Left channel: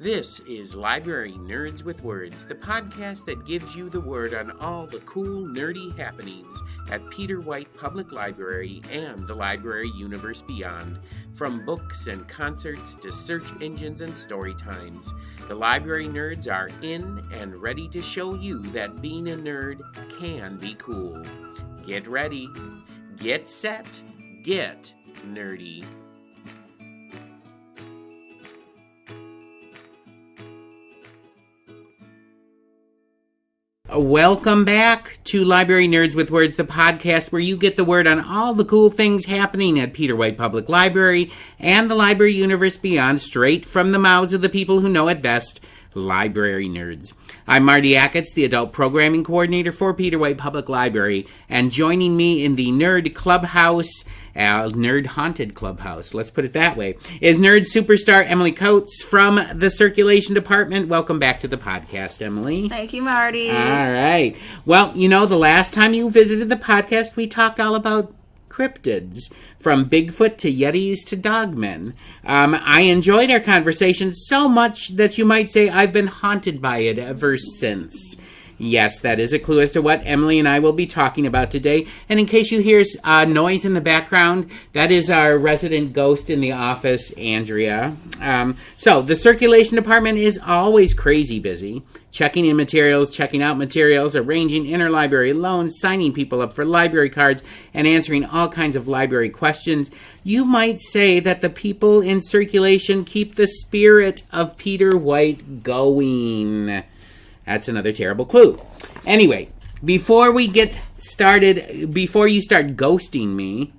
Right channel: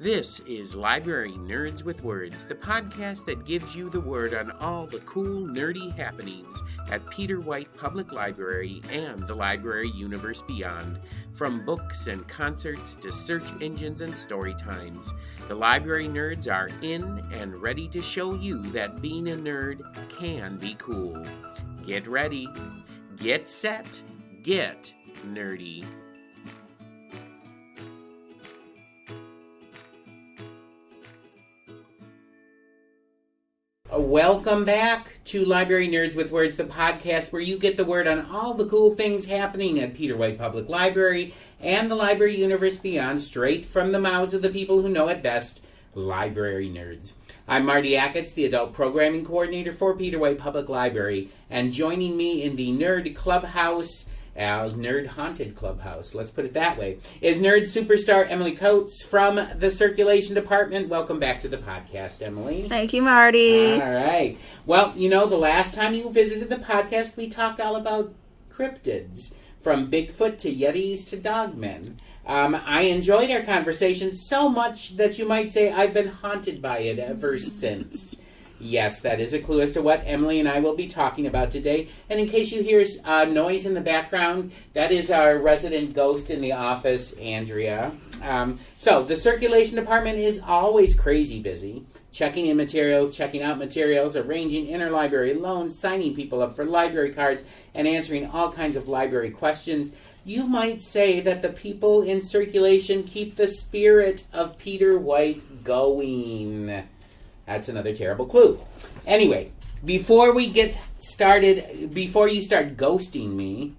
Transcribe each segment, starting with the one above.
This is Library Nerds with Words, the podcast that gives you the word on all the cool, nerdy happenings at Peter White Public Library and the library universe beyond. From books and concerts to search engines and story times, the library nerds are in and ready to show you that being a nerd can be cool. Get ready, get set, get nerdy. Welcome back to Library Nerds with Words, the podcast where you get the word on all the cool things happening at Peter White Public Library and the library universe beyond, straight from the mouths of the people who know it best, library nerds. I'm Marty Acketts, the adult programming coordinator for Peter White Public Library, and joining me in the nerd clubhouse, nerd haunted clubhouse, let's put it that way, is nerd superstar Emily Couts from the circulation department. Welcome back to the podcast, Emily. Thank you, Marty. All right. Well, you know, the last time you visited the podcast, we talked all about cryptids, from Bigfoot to Yetis to dogmen. I enjoyed our conversation so much that you might say I've been haunted by it ever since. Yes, that is a clue as to what Emily and I will be talking about today. And in case you hear noise in the background, that is our resident ghost in the office, Andrea. So the circulation department is always crazy busy, checking in materials, checking out materials, arranging interlibrary loans, signing people up for library cards, and answering all kinds of library questions. You might say that the people in circulation keep the spirit of Peter White going. That's another terrible clue. Anyway, before we get started, before you start ghosting me,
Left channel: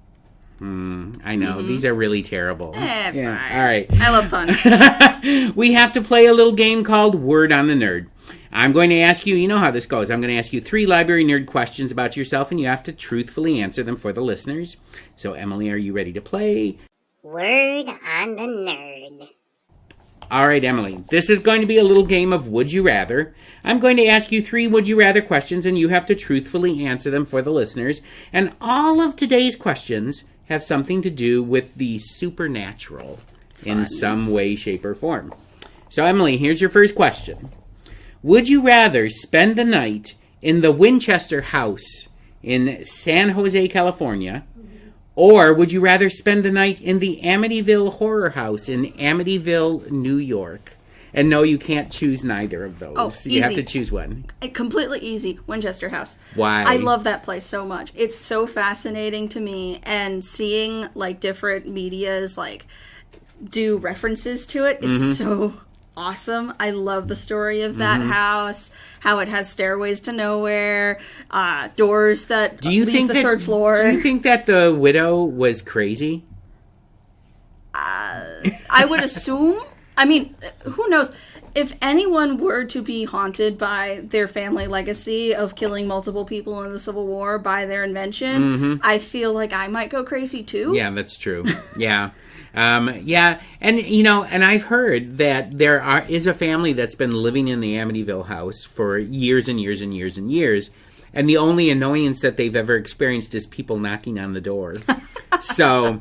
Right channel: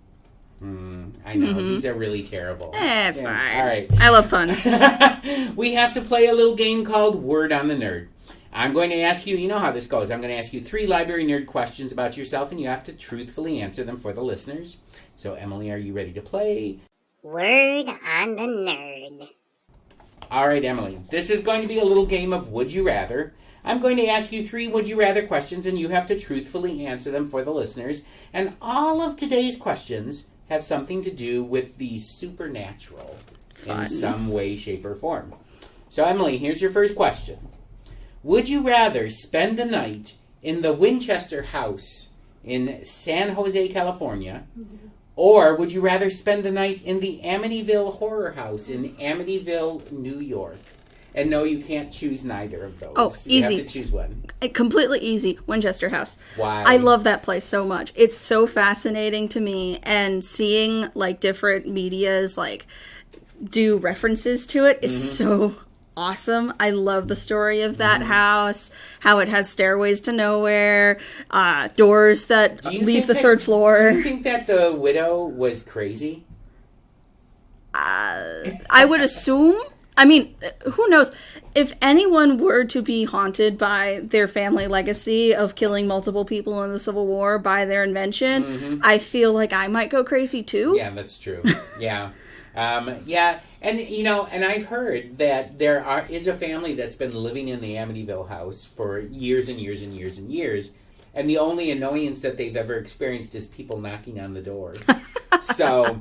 I know, these are really terrible. It's fine. All right. I love puns. We have to play a little game called Word on the Nerd. I'm going to ask you, you know how this goes, I'm going to ask you 3 library nerd questions about yourself, and you have to truthfully answer them for the listeners. So, Emily, are you ready to play? Word on the Nerd. All right, Emily, this is going to be a little game of Would You Rather. I'm going to ask you 3 Would You Rather questions, and you have to truthfully answer them for the listeners. And all of today's questions have something to do with the supernatural in some way, shape, or form. So, Emily, here's your first question. Would you rather spend the night in the Winchester House in San Jose, California, or would you rather spend the night in the Amityville Horror House in Amityville, New York? And no, you can't choose neither of those. Oh, you easy. have to choose one. Completely easy. Winchester House. Why? I love that place so much. It's so fascinating to me, and seeing like different medias like do references to it is so awesome. I love the story of that house, how it has stairways to nowhere, doors that leave the third floor. Do you think that the widow was crazy? I would assume. I mean, who knows? If anyone were to be haunted by their family legacy of killing multiple people in the Civil War by their invention, I feel like I might go crazy too. Yeah, that's true. Yeah. Yeah, and you know, and I've heard that there is a family that's been living in the Amityville house for years and years and years and years, and the only annoyance that they've ever experienced is people knocking on the door. So,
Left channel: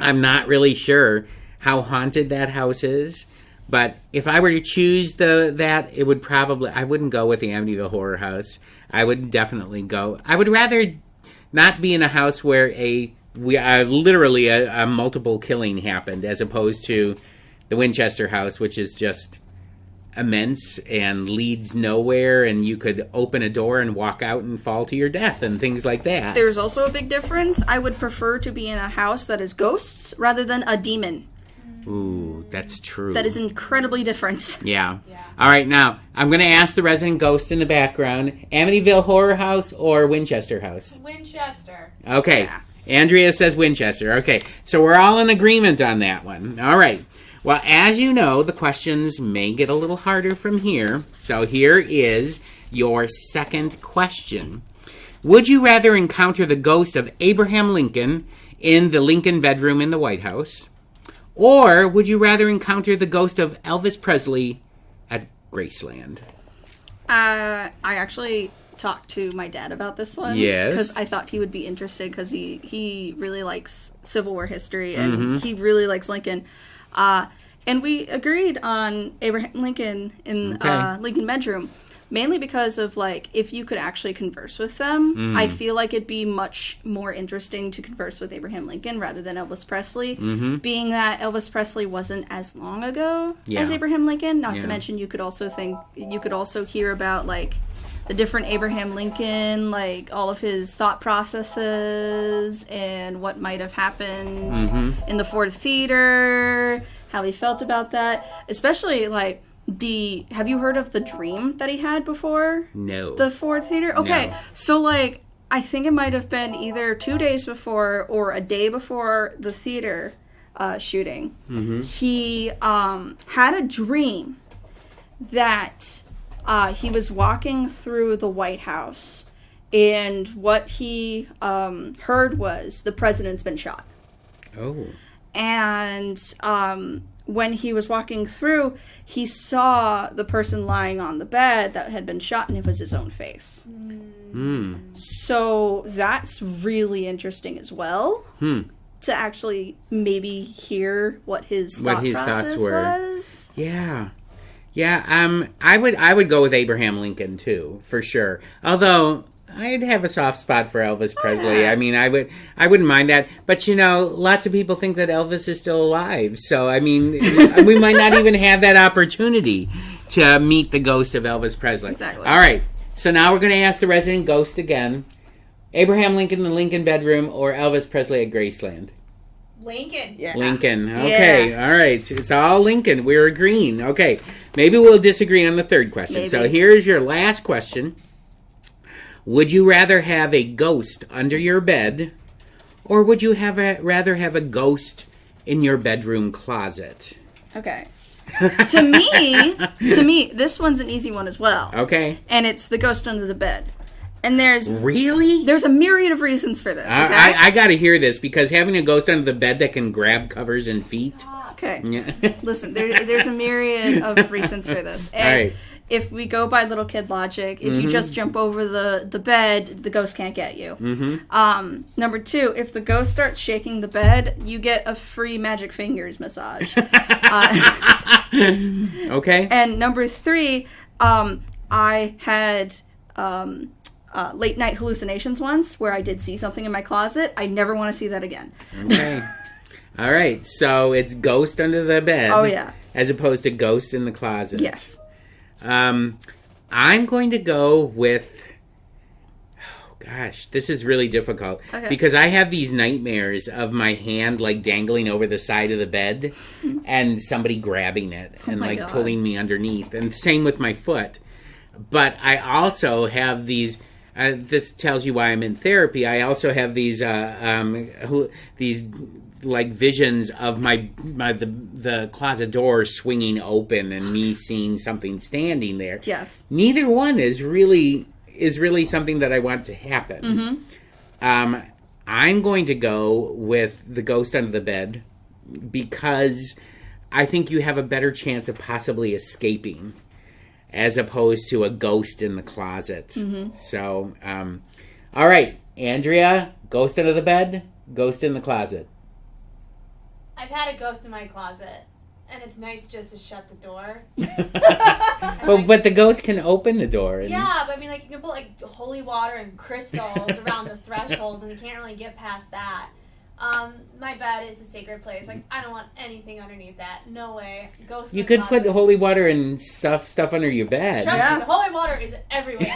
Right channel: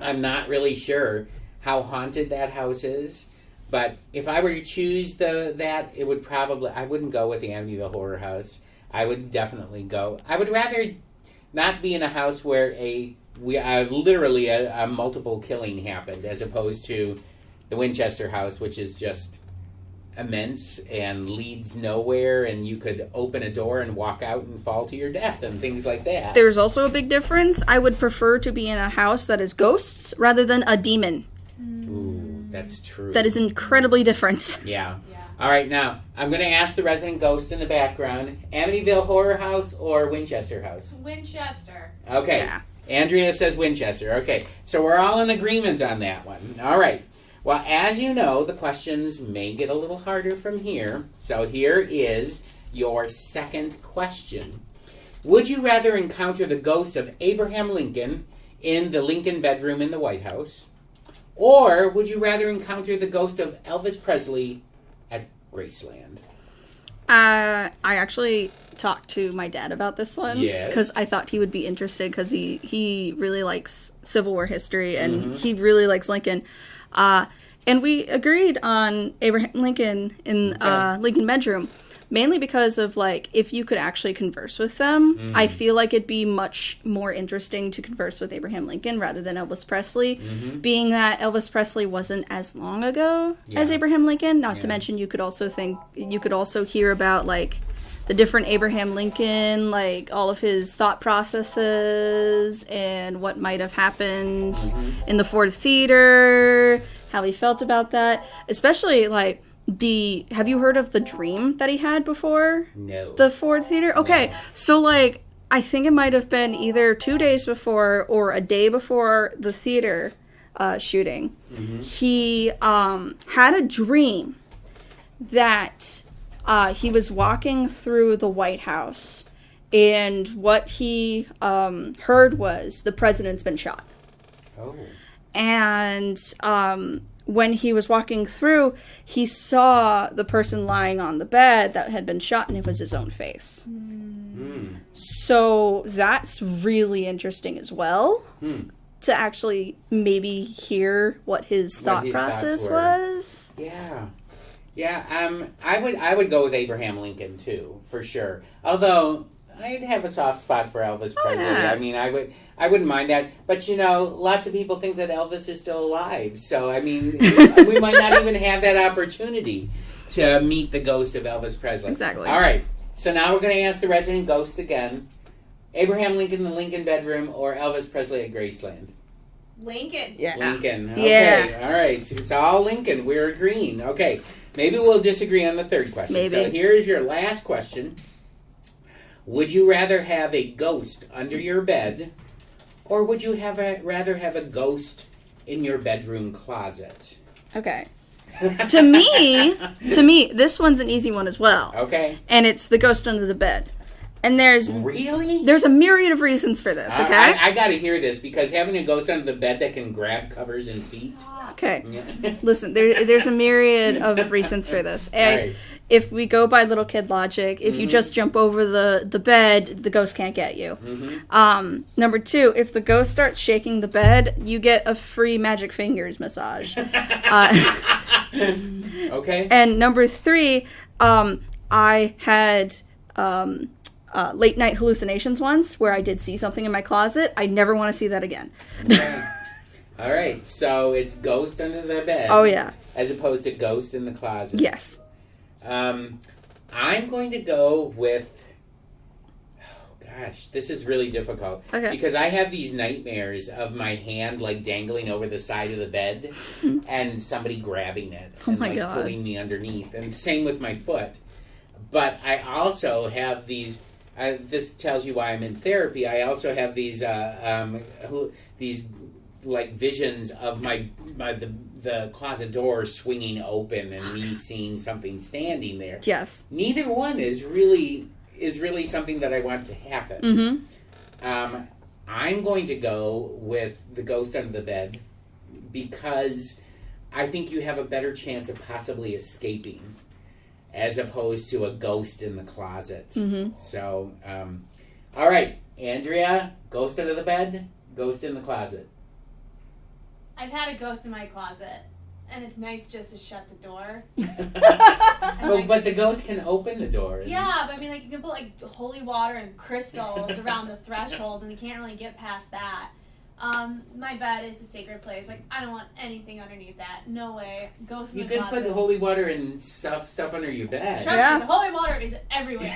I'm not really sure how haunted that house is, but if I were to choose it would probably, I wouldn't go with the Amityville Horror House. I would definitely go, I would rather not be in a house where literally a multiple killing happened, as opposed to the Winchester House, which is just immense and leads nowhere, and you could open a door and walk out and fall to your death and things like that. There's also a big difference. I would prefer to be in a house that is ghosts rather than a demon. Ooh, that's true. That is incredibly different. Yeah. All right, now, I'm going to ask the resident ghost in the background, Amityville Horror House or Winchester House? Winchester. Okay. Yeah. Andrea says Winchester. Okay, so we're all in agreement on that one. All right. Well, as you know, the questions may get a little harder from here. So here is your second question. Would you rather encounter the ghost of Abraham Lincoln in the Lincoln bedroom in the White House? Or would you rather encounter the ghost of Elvis Presley at Graceland? I actually talked to my dad about this one. Yes. Because I thought he would be interested, because he really likes Civil War history, and he really likes Lincoln. And we agreed on Abraham Lincoln in Lincoln Bedroom, mainly because of, like, if you could actually converse with them, I feel like it'd be much more interesting to converse with Abraham Lincoln rather than Elvis Presley, being that Elvis Presley wasn't as long ago as Abraham Lincoln, not to mention you could also hear about, like, the different Abraham Lincoln, like, all of his thought processes and what might have happened in the Ford Theater, how he felt about that. Especially, like, have you heard of the dream that he had before? No. The Ford Theater? Okay, No. So, like, I think it might have been either 2 days before or a day before the theater shooting. He had a dream that... he was walking through the White House, and what he heard was the president's been shot. Oh. And when he was walking through, he saw the person lying on the bed that had been shot, and it was his own face. So that's really interesting as well. To actually maybe hear what his thought process was. Yeah. Yeah, I would go with Abraham Lincoln too, for sure. Although I'd have a soft spot for Elvis Presley. Yeah. I mean, I wouldn't mind that. But you know, lots of people think that Elvis is still alive. So I mean, we might not even have that opportunity to meet the ghost of Elvis Presley. Exactly. All right. So now we're going to ask the resident ghost again: Abraham Lincoln in the Lincoln bedroom or Elvis Presley at Graceland? Lincoln. Yeah. Lincoln. Okay. Yeah. All right. It's all Lincoln. We're agreeing. Okay. Maybe we'll disagree on the third question. Maybe. So here's your last question. Would you rather have a ghost under your bed, or would you rather have a ghost in your bedroom closet? Okay. To me, this one's an easy one as well. Okay. And it's the ghost under the bed. And there's Really? a myriad of reasons for this, okay? I got to hear this, because having a ghost under the bed that can grab covers and feet. Okay. Yeah. Listen, there's a myriad of reasons for this. And Right. if we go by little kid logic, if you just jump over the bed, the ghost can't get you. Number two, if the ghost starts shaking the bed, you get a free magic fingers massage. Okay. And number three, I had late night hallucinations once where I did see something in my closet. I never want to see that again. Okay. All right. So it's ghost under the bed. Oh, yeah. As opposed to ghost in the closet. Yes. I'm going to go with... Oh, gosh. This is really difficult. Okay. Because I have these nightmares of my hand, like, dangling over the side of the bed and somebody grabbing it and, my like, God. pulling me underneath. And same with my foot. But I also have these... this tells you why I'm in therapy. I also have these like visions of the closet door swinging open and me seeing something standing there. Yes. Neither one is really something that I want to happen. I'm going to go with the ghost under the bed because I think you have a better chance of possibly escaping as opposed to a ghost in the closet. So, all right, Andrea, ghost under the bed, ghost in the closet. I've had a ghost in my closet, and it's nice just to shut the door. But the ghost can open the door. Yeah, but I mean, like, you can put, like, holy water and crystals around the threshold, and you can't really get past that. My bed is a sacred place. Like, I don't want anything underneath that. No way. Ghost in You the could closet. put holy water and stuff under your bed. Trust Yeah. me, the holy water is everywhere.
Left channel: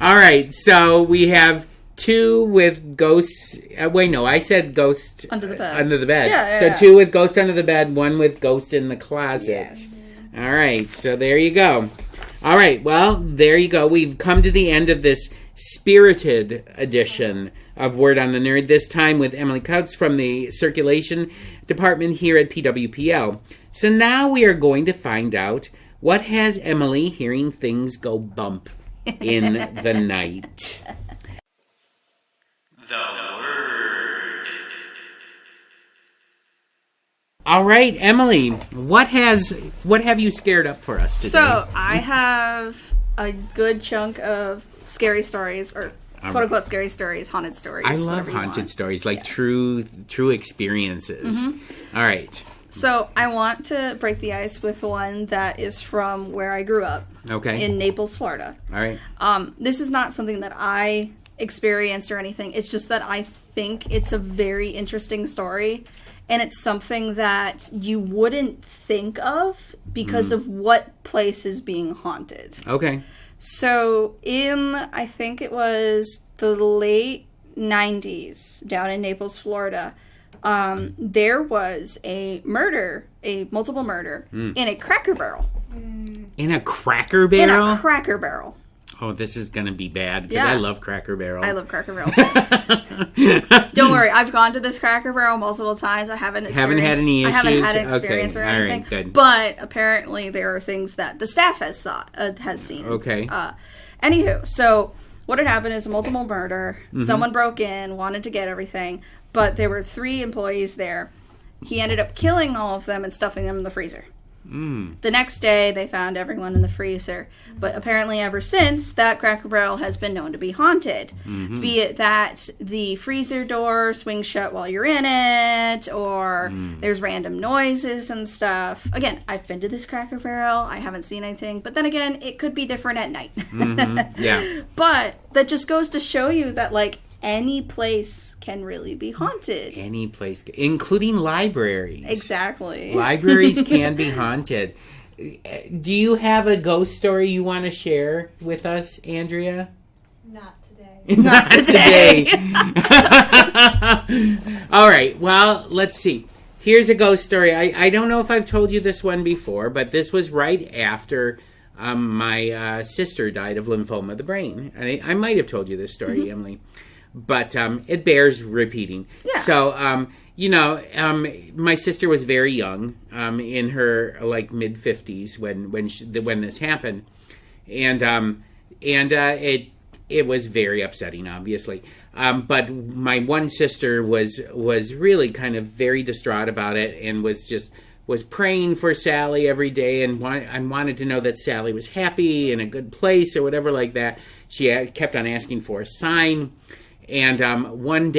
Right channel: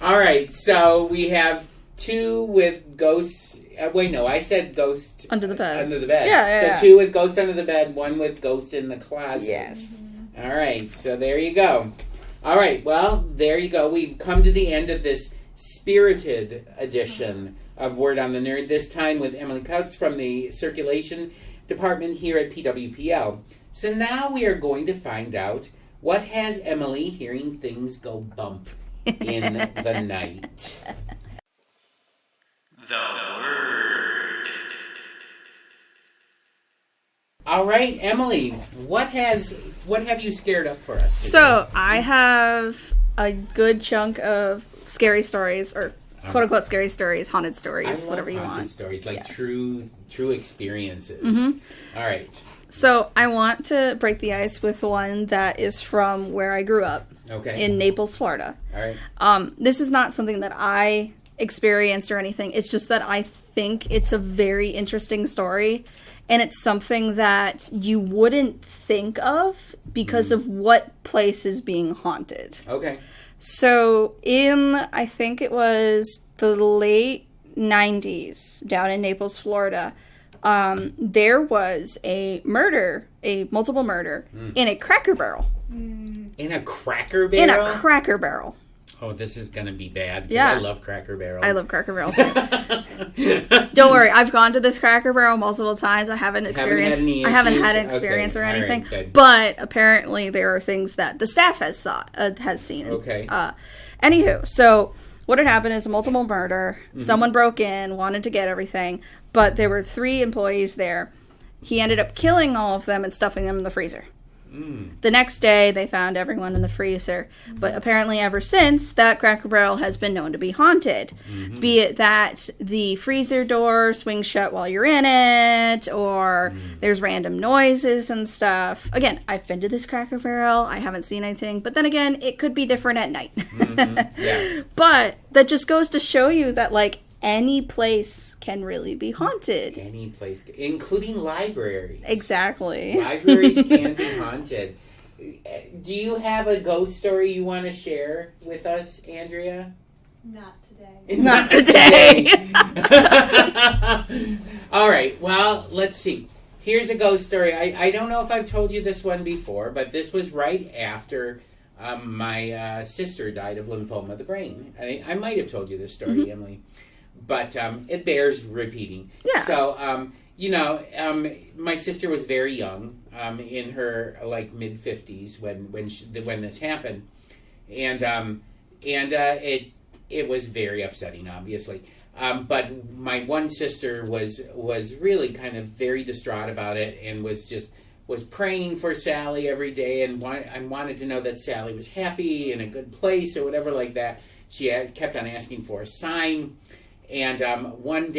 All right, so we have two with ghosts. Wait, no, I said ghost Under the bed. Under the bed. Yeah. So two with ghost under the bed, one with ghost in the closet. Yes. All right, so there you go. All right, well, there you go. We've come to the end of this spirited edition of Word on the Nerd, this time with Emily Couts from the Circulation Department here at PWPL. So now we are going to find out what has Emily hearing things go bump in the night. The Word. All right, Emily, what have you scared up for us today? So I have a good chunk of scary stories, or quote unquote scary stories, haunted stories, I love whatever you haunted want. stories, like Yes. true experiences. All right. So I want to break the ice with one that is from where I grew up. Okay. In Naples, Florida. All right. This is not something that I experienced or anything. It's just that I think it's a very interesting story. And it's something that you wouldn't think of because of what place is being haunted. Okay. So I think it was the late 90s down in Naples, Florida, there was a multiple murder in a Cracker Barrel. In a Cracker Barrel? In a Cracker Barrel. Oh, this is going to be bad. 'Cause Yeah. I love Cracker Barrel. I love Cracker Barrel too. Don't worry, I've gone to this Cracker Barrel multiple times. I haven't had experienced. any I haven't had an issues? experience Okay. or All right, anything. good. But apparently, there are things that the staff has seen. Okay. Anywho, so what had happened is a multiple murder. Someone broke in, wanted to get everything, but there were 3 employees there. He ended up killing all of them and stuffing them in the freezer. The next day, they found everyone in the freezer. But apparently, ever since, that Cracker Barrel has been known to be haunted. Be it that the freezer door swings shut while you're in it, or there's random noises and stuff. Again, I've been to this Cracker Barrel. I haven't seen anything. But then again, it could be different at night. Yeah. But that just goes to show you that, like, any place can really be haunted. Any place, including libraries. Exactly. Libraries can be haunted. Do you have a ghost story you want to share with us, Andrea? Not today. Not today. All right, well, let's see. Here's a ghost story. I don't know if I've told you this one before, but this was right after my sister died of lymphoma of the brain. I might have told you this story, Emily. But it bears repeating. Yeah. So, my sister was very young, in her mid-50s when this happened, and it was very upsetting, obviously. But my one sister was really kind of very distraught about it, and was praying for Sally every day, and wanted to know that Sally was happy in a good place or whatever like that. She kept on asking for a sign. And one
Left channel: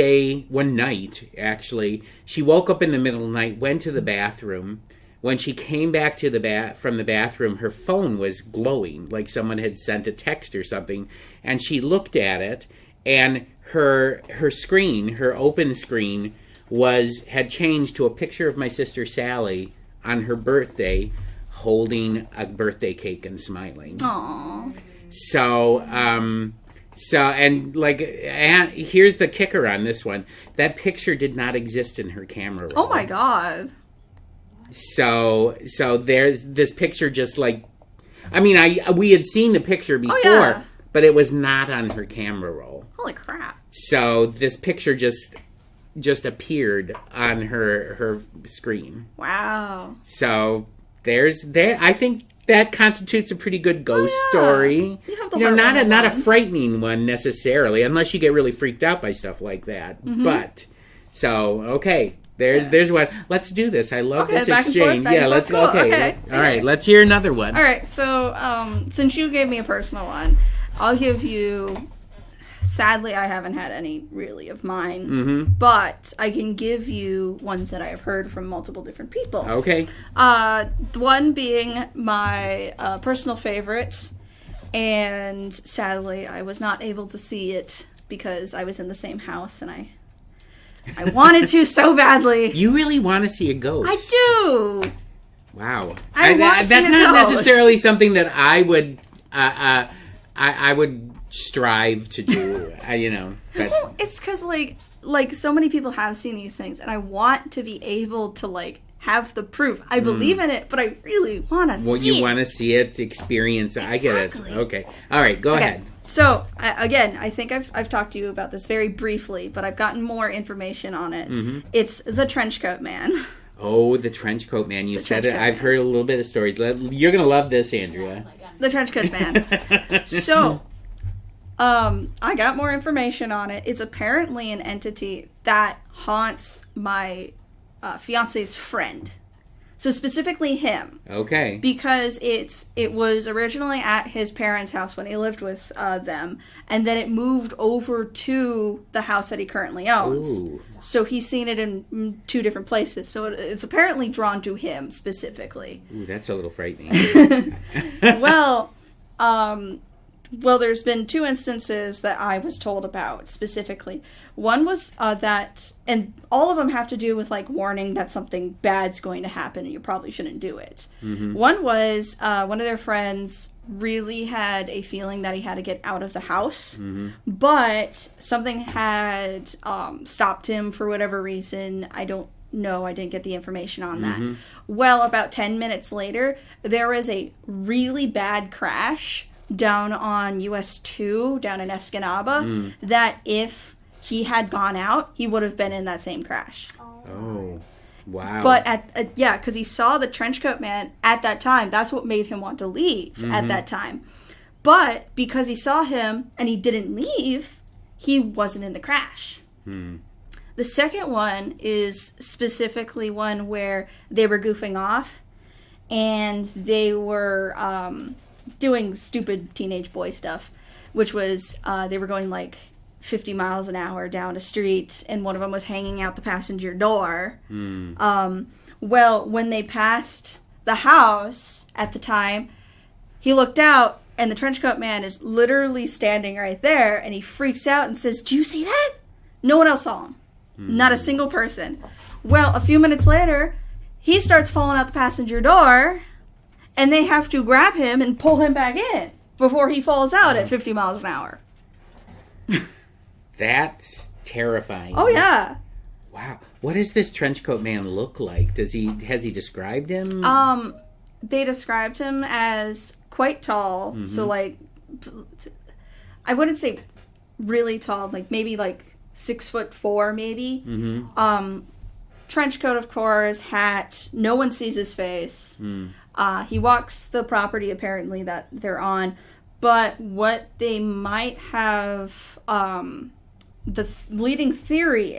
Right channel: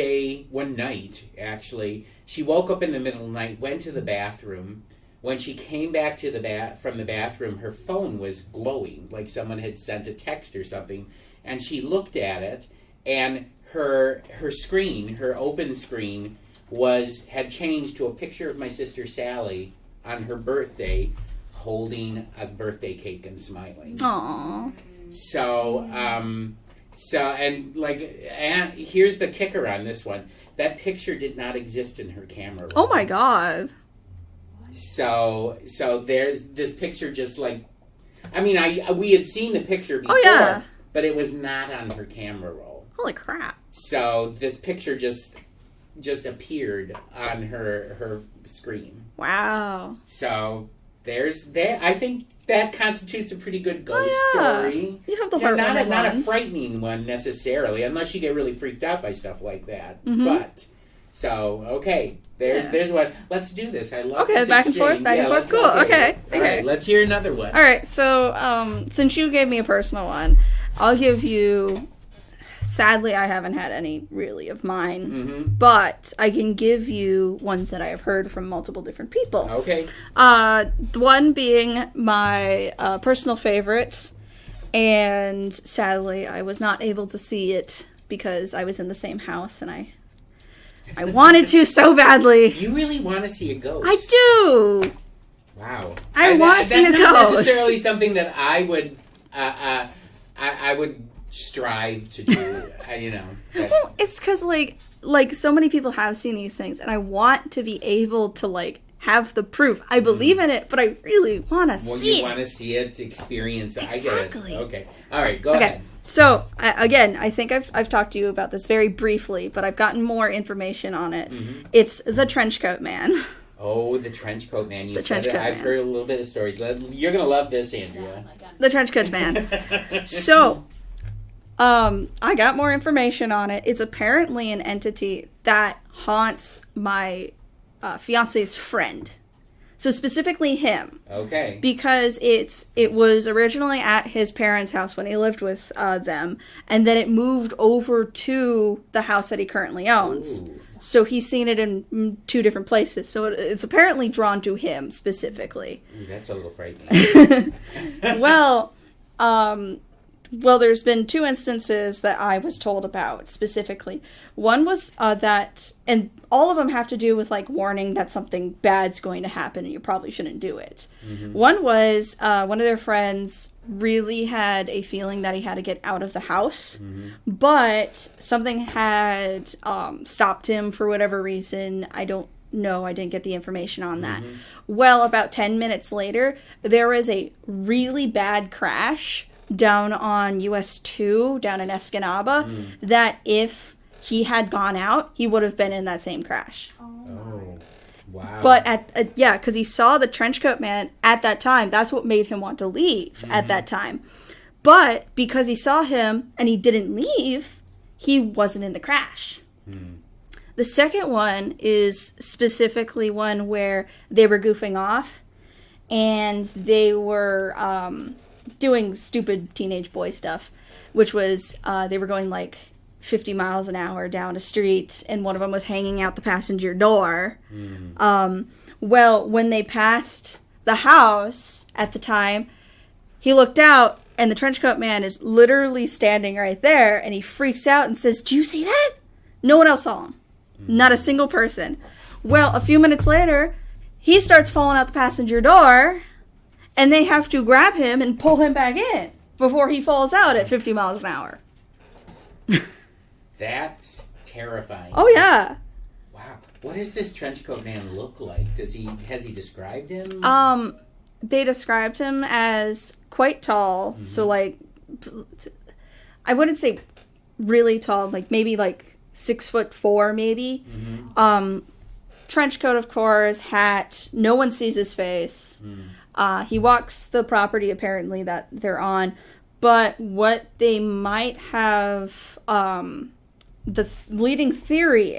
night, actually, she woke up in the middle of the night, went to the bathroom. When she came back from the bathroom, her phone was glowing, like someone had sent a text or something. And she looked at it, and her screen, her open screen, had changed to a picture of my sister Sally on her birthday, holding a birthday cake and smiling. Aww. And here's the kicker on this one. That picture did not exist in her camera roll. Oh my god. So there's this picture just we had seen the picture before, yeah. but it was not on her camera roll. Holy crap. So this picture just appeared on her screen. Wow. So I think that constitutes a pretty good ghost story. You have the not a ones. frightening one necessarily, unless you get really freaked out by stuff like that. But okay, there's one. Let's do this. I love this back exchange. and forth, let's cool. Okay. All right, let's hear another one. All right, so since you gave me a personal one, I'll give you. Sadly, I haven't had any really of mine, but I can give you ones that I have heard from multiple different people. Okay. One being my personal favorite, and sadly, I was not able to see it because I was in the same house, and I wanted to so badly. You really want to see a ghost? I do. Wow. I want to see a That's not ghost. necessarily something that I would. I would strive to do. Well, it's because like so many people have seen these things, and I want to be able to have the proof. I believe in it, but I really want to see it. You want to see it, experience it. Exactly. I get it. Okay. All right. Go ahead. So again, I think I've talked to you about this very briefly, but I've gotten more information on it. It's the Trenchcoat Man. Oh, the Trenchcoat Man. You said it. I've Man. heard a little bit of stories. You're going to love this, Andrea. The Trenchcoat Man. So, I got more information on it. It's apparently an entity that haunts my fiance's friend. So specifically him. Okay. Because it was originally at his parents' house when he lived with them, and then it moved over to the house that he currently owns. Ooh. So he's seen it in 2 different places. So it's apparently drawn to him specifically. Ooh, that's a little frightening. Well, there's been 2 instances that I was told about specifically. One was that, and all of them have to do with like warning that something bad's going to happen and you probably shouldn't do it. Mm-hmm. One was one of their friends really had a feeling that he had to get out of the house, but something had stopped him for whatever reason. I don't know. I didn't get the information on that. Well, about 10 minutes later, there was a really bad crash down on US 2, down in Escanaba, that if he had gone out, he would have been in that same crash. Oh, wow. But because he saw the trenchcoat man at that time, that's what made him want to leave at that time. But because he saw him and he didn't leave, he wasn't in the crash. The second one is specifically one where they were goofing off and they were doing stupid teenage boy stuff, which was they were going like 50 miles an hour down a street, and one of them was hanging out the passenger door. Well, when they passed the house at the time, he looked out, and the trenchcoat man is literally standing right there, and he freaks out and says, "Do you see that?" No one else saw him. Not a single person. Well, a few minutes later, he starts falling out the passenger door, and they have to grab him and pull him back in before he falls out at 50 miles an hour. That's terrifying. Oh, yeah. Wow. What does this trenchcoat man look like? Has he described him? They described him as quite tall. So, like, I wouldn't say really tall, like maybe like 6'4", maybe. Trench coat, of course, hat. No one sees his face. He walks the property, apparently, that they're on. But what they might have, the leading theory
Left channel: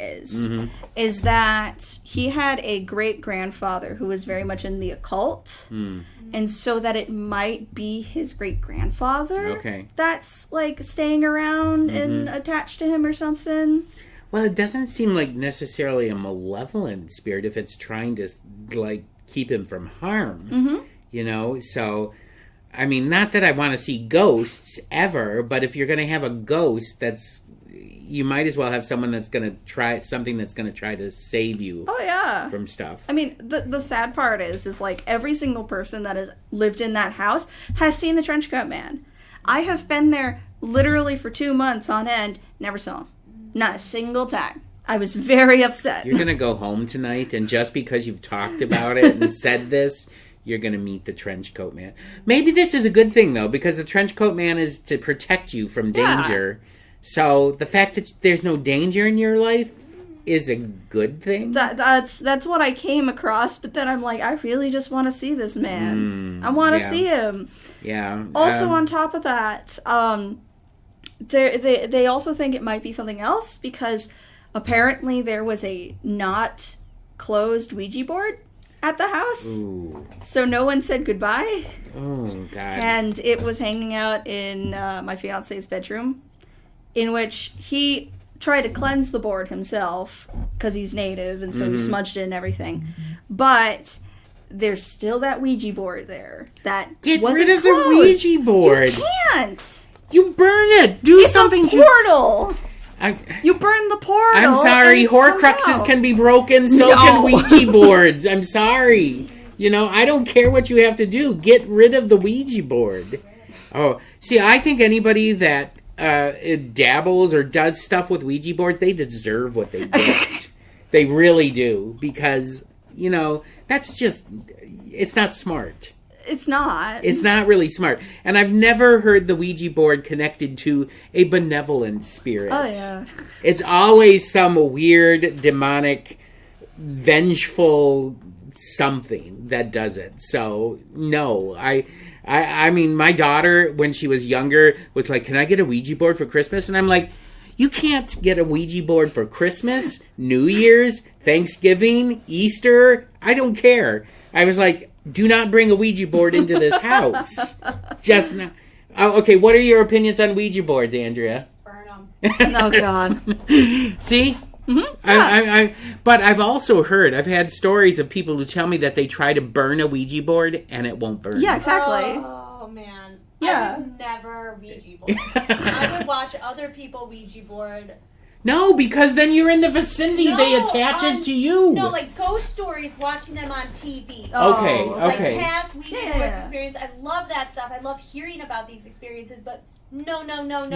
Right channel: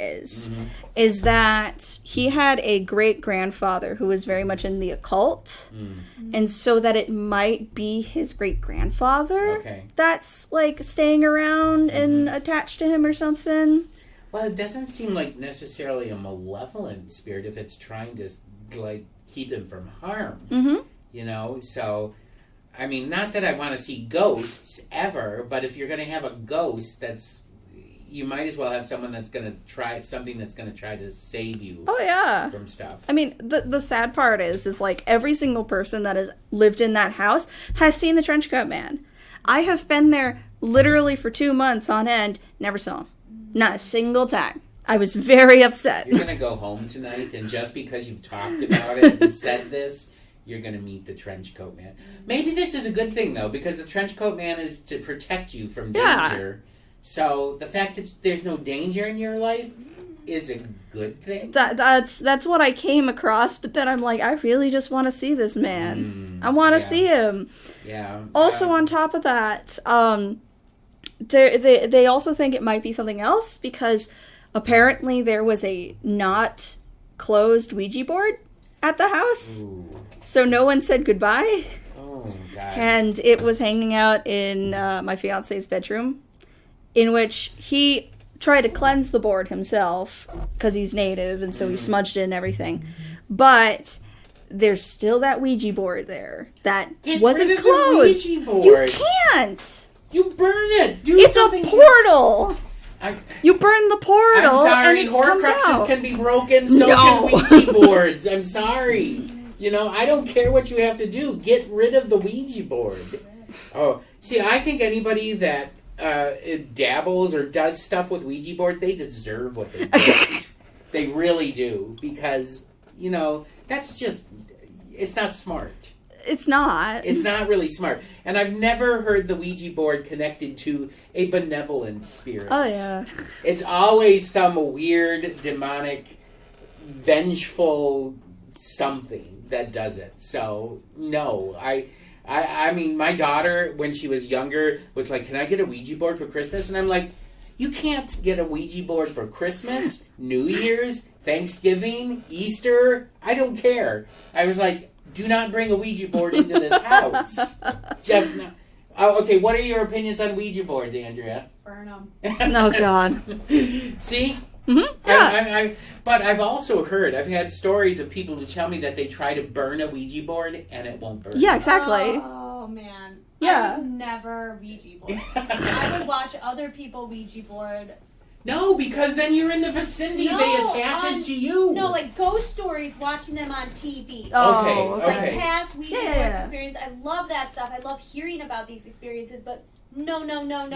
is that he had a great-grandfather who was very much in the occult. And so that it might be his great-grandfather that's, like, staying around and attached to him or something. Well, it doesn't seem like necessarily a malevolent spirit if it's trying to, like, keep him from harm. You know, so, I mean, not that I want to see ghosts ever, but if you're going to have a ghost, you might as well have someone that's going to try to save you. Oh, yeah. From stuff. I mean, the sad part is like every single person that has lived in that house has seen the trenchcoat man. I have been there literally for 2 months on end, never saw him. Not a single time. I was very upset. You're going to go home tonight, and just because you've talked about it and said this, you're going to meet the trenchcoat man. Maybe this is a good thing, though, because the trenchcoat man is to protect you from danger. Yeah. So the fact that there's no danger in your life is a good thing. That's what I came across, but then I'm like, I really just want to see this man. I want to see him. Yeah. Also, on top of that, they also think it might be something else because apparently there was a not closed Ouija board at the house. Ooh. So no one said goodbye. Oh, God. And it was hanging out in my fiance's bedroom, in which he tried to cleanse the board himself because he's native, and so he smudged it and everything. But there's still that Ouija board there that wasn't closed. The Ouija board. You can't. You burn it. It's something. It's a portal. You burn the portal. I'm sorry. And Horcruxes can be broken. So can Ouija boards. I'm sorry. You know, I don't care what you have to do. Get rid of the Ouija board. Oh, see, I think anybody that dabbles or does stuff with Ouija boards, they deserve what they get. They really do. Because, you know, that's just, it's not smart. It's not. It's not really smart. And I've never heard the Ouija board connected to a benevolent spirit. Oh, yeah. It's always some weird, demonic, vengeful something that does it. So, no. I mean, my daughter, when she was younger, was like, can I get a Ouija board for Christmas? And I'm like, you can't get a Ouija board for Christmas, New Year's, Thanksgiving, Easter, I don't care. I was like, do not bring a Ouija board into this house. Just not. Oh, okay, what are your opinions on Ouija boards, Andrea? Burn them. Oh, God. See? Mm-hmm. Yeah. But I've also heard, I've had stories of people who tell me that they try to burn a Ouija board and it won't burn. Yeah, exactly. Oh, man. Yeah. I would never Ouija board. I would watch other people Ouija board. No, because then you're in the vicinity. No, they attaches to you. No, like ghost stories, watching them on TV. Oh, Okay. Like past Ouija boards Yeah. experience. I love that stuff. I love hearing about these experiences, but no. Not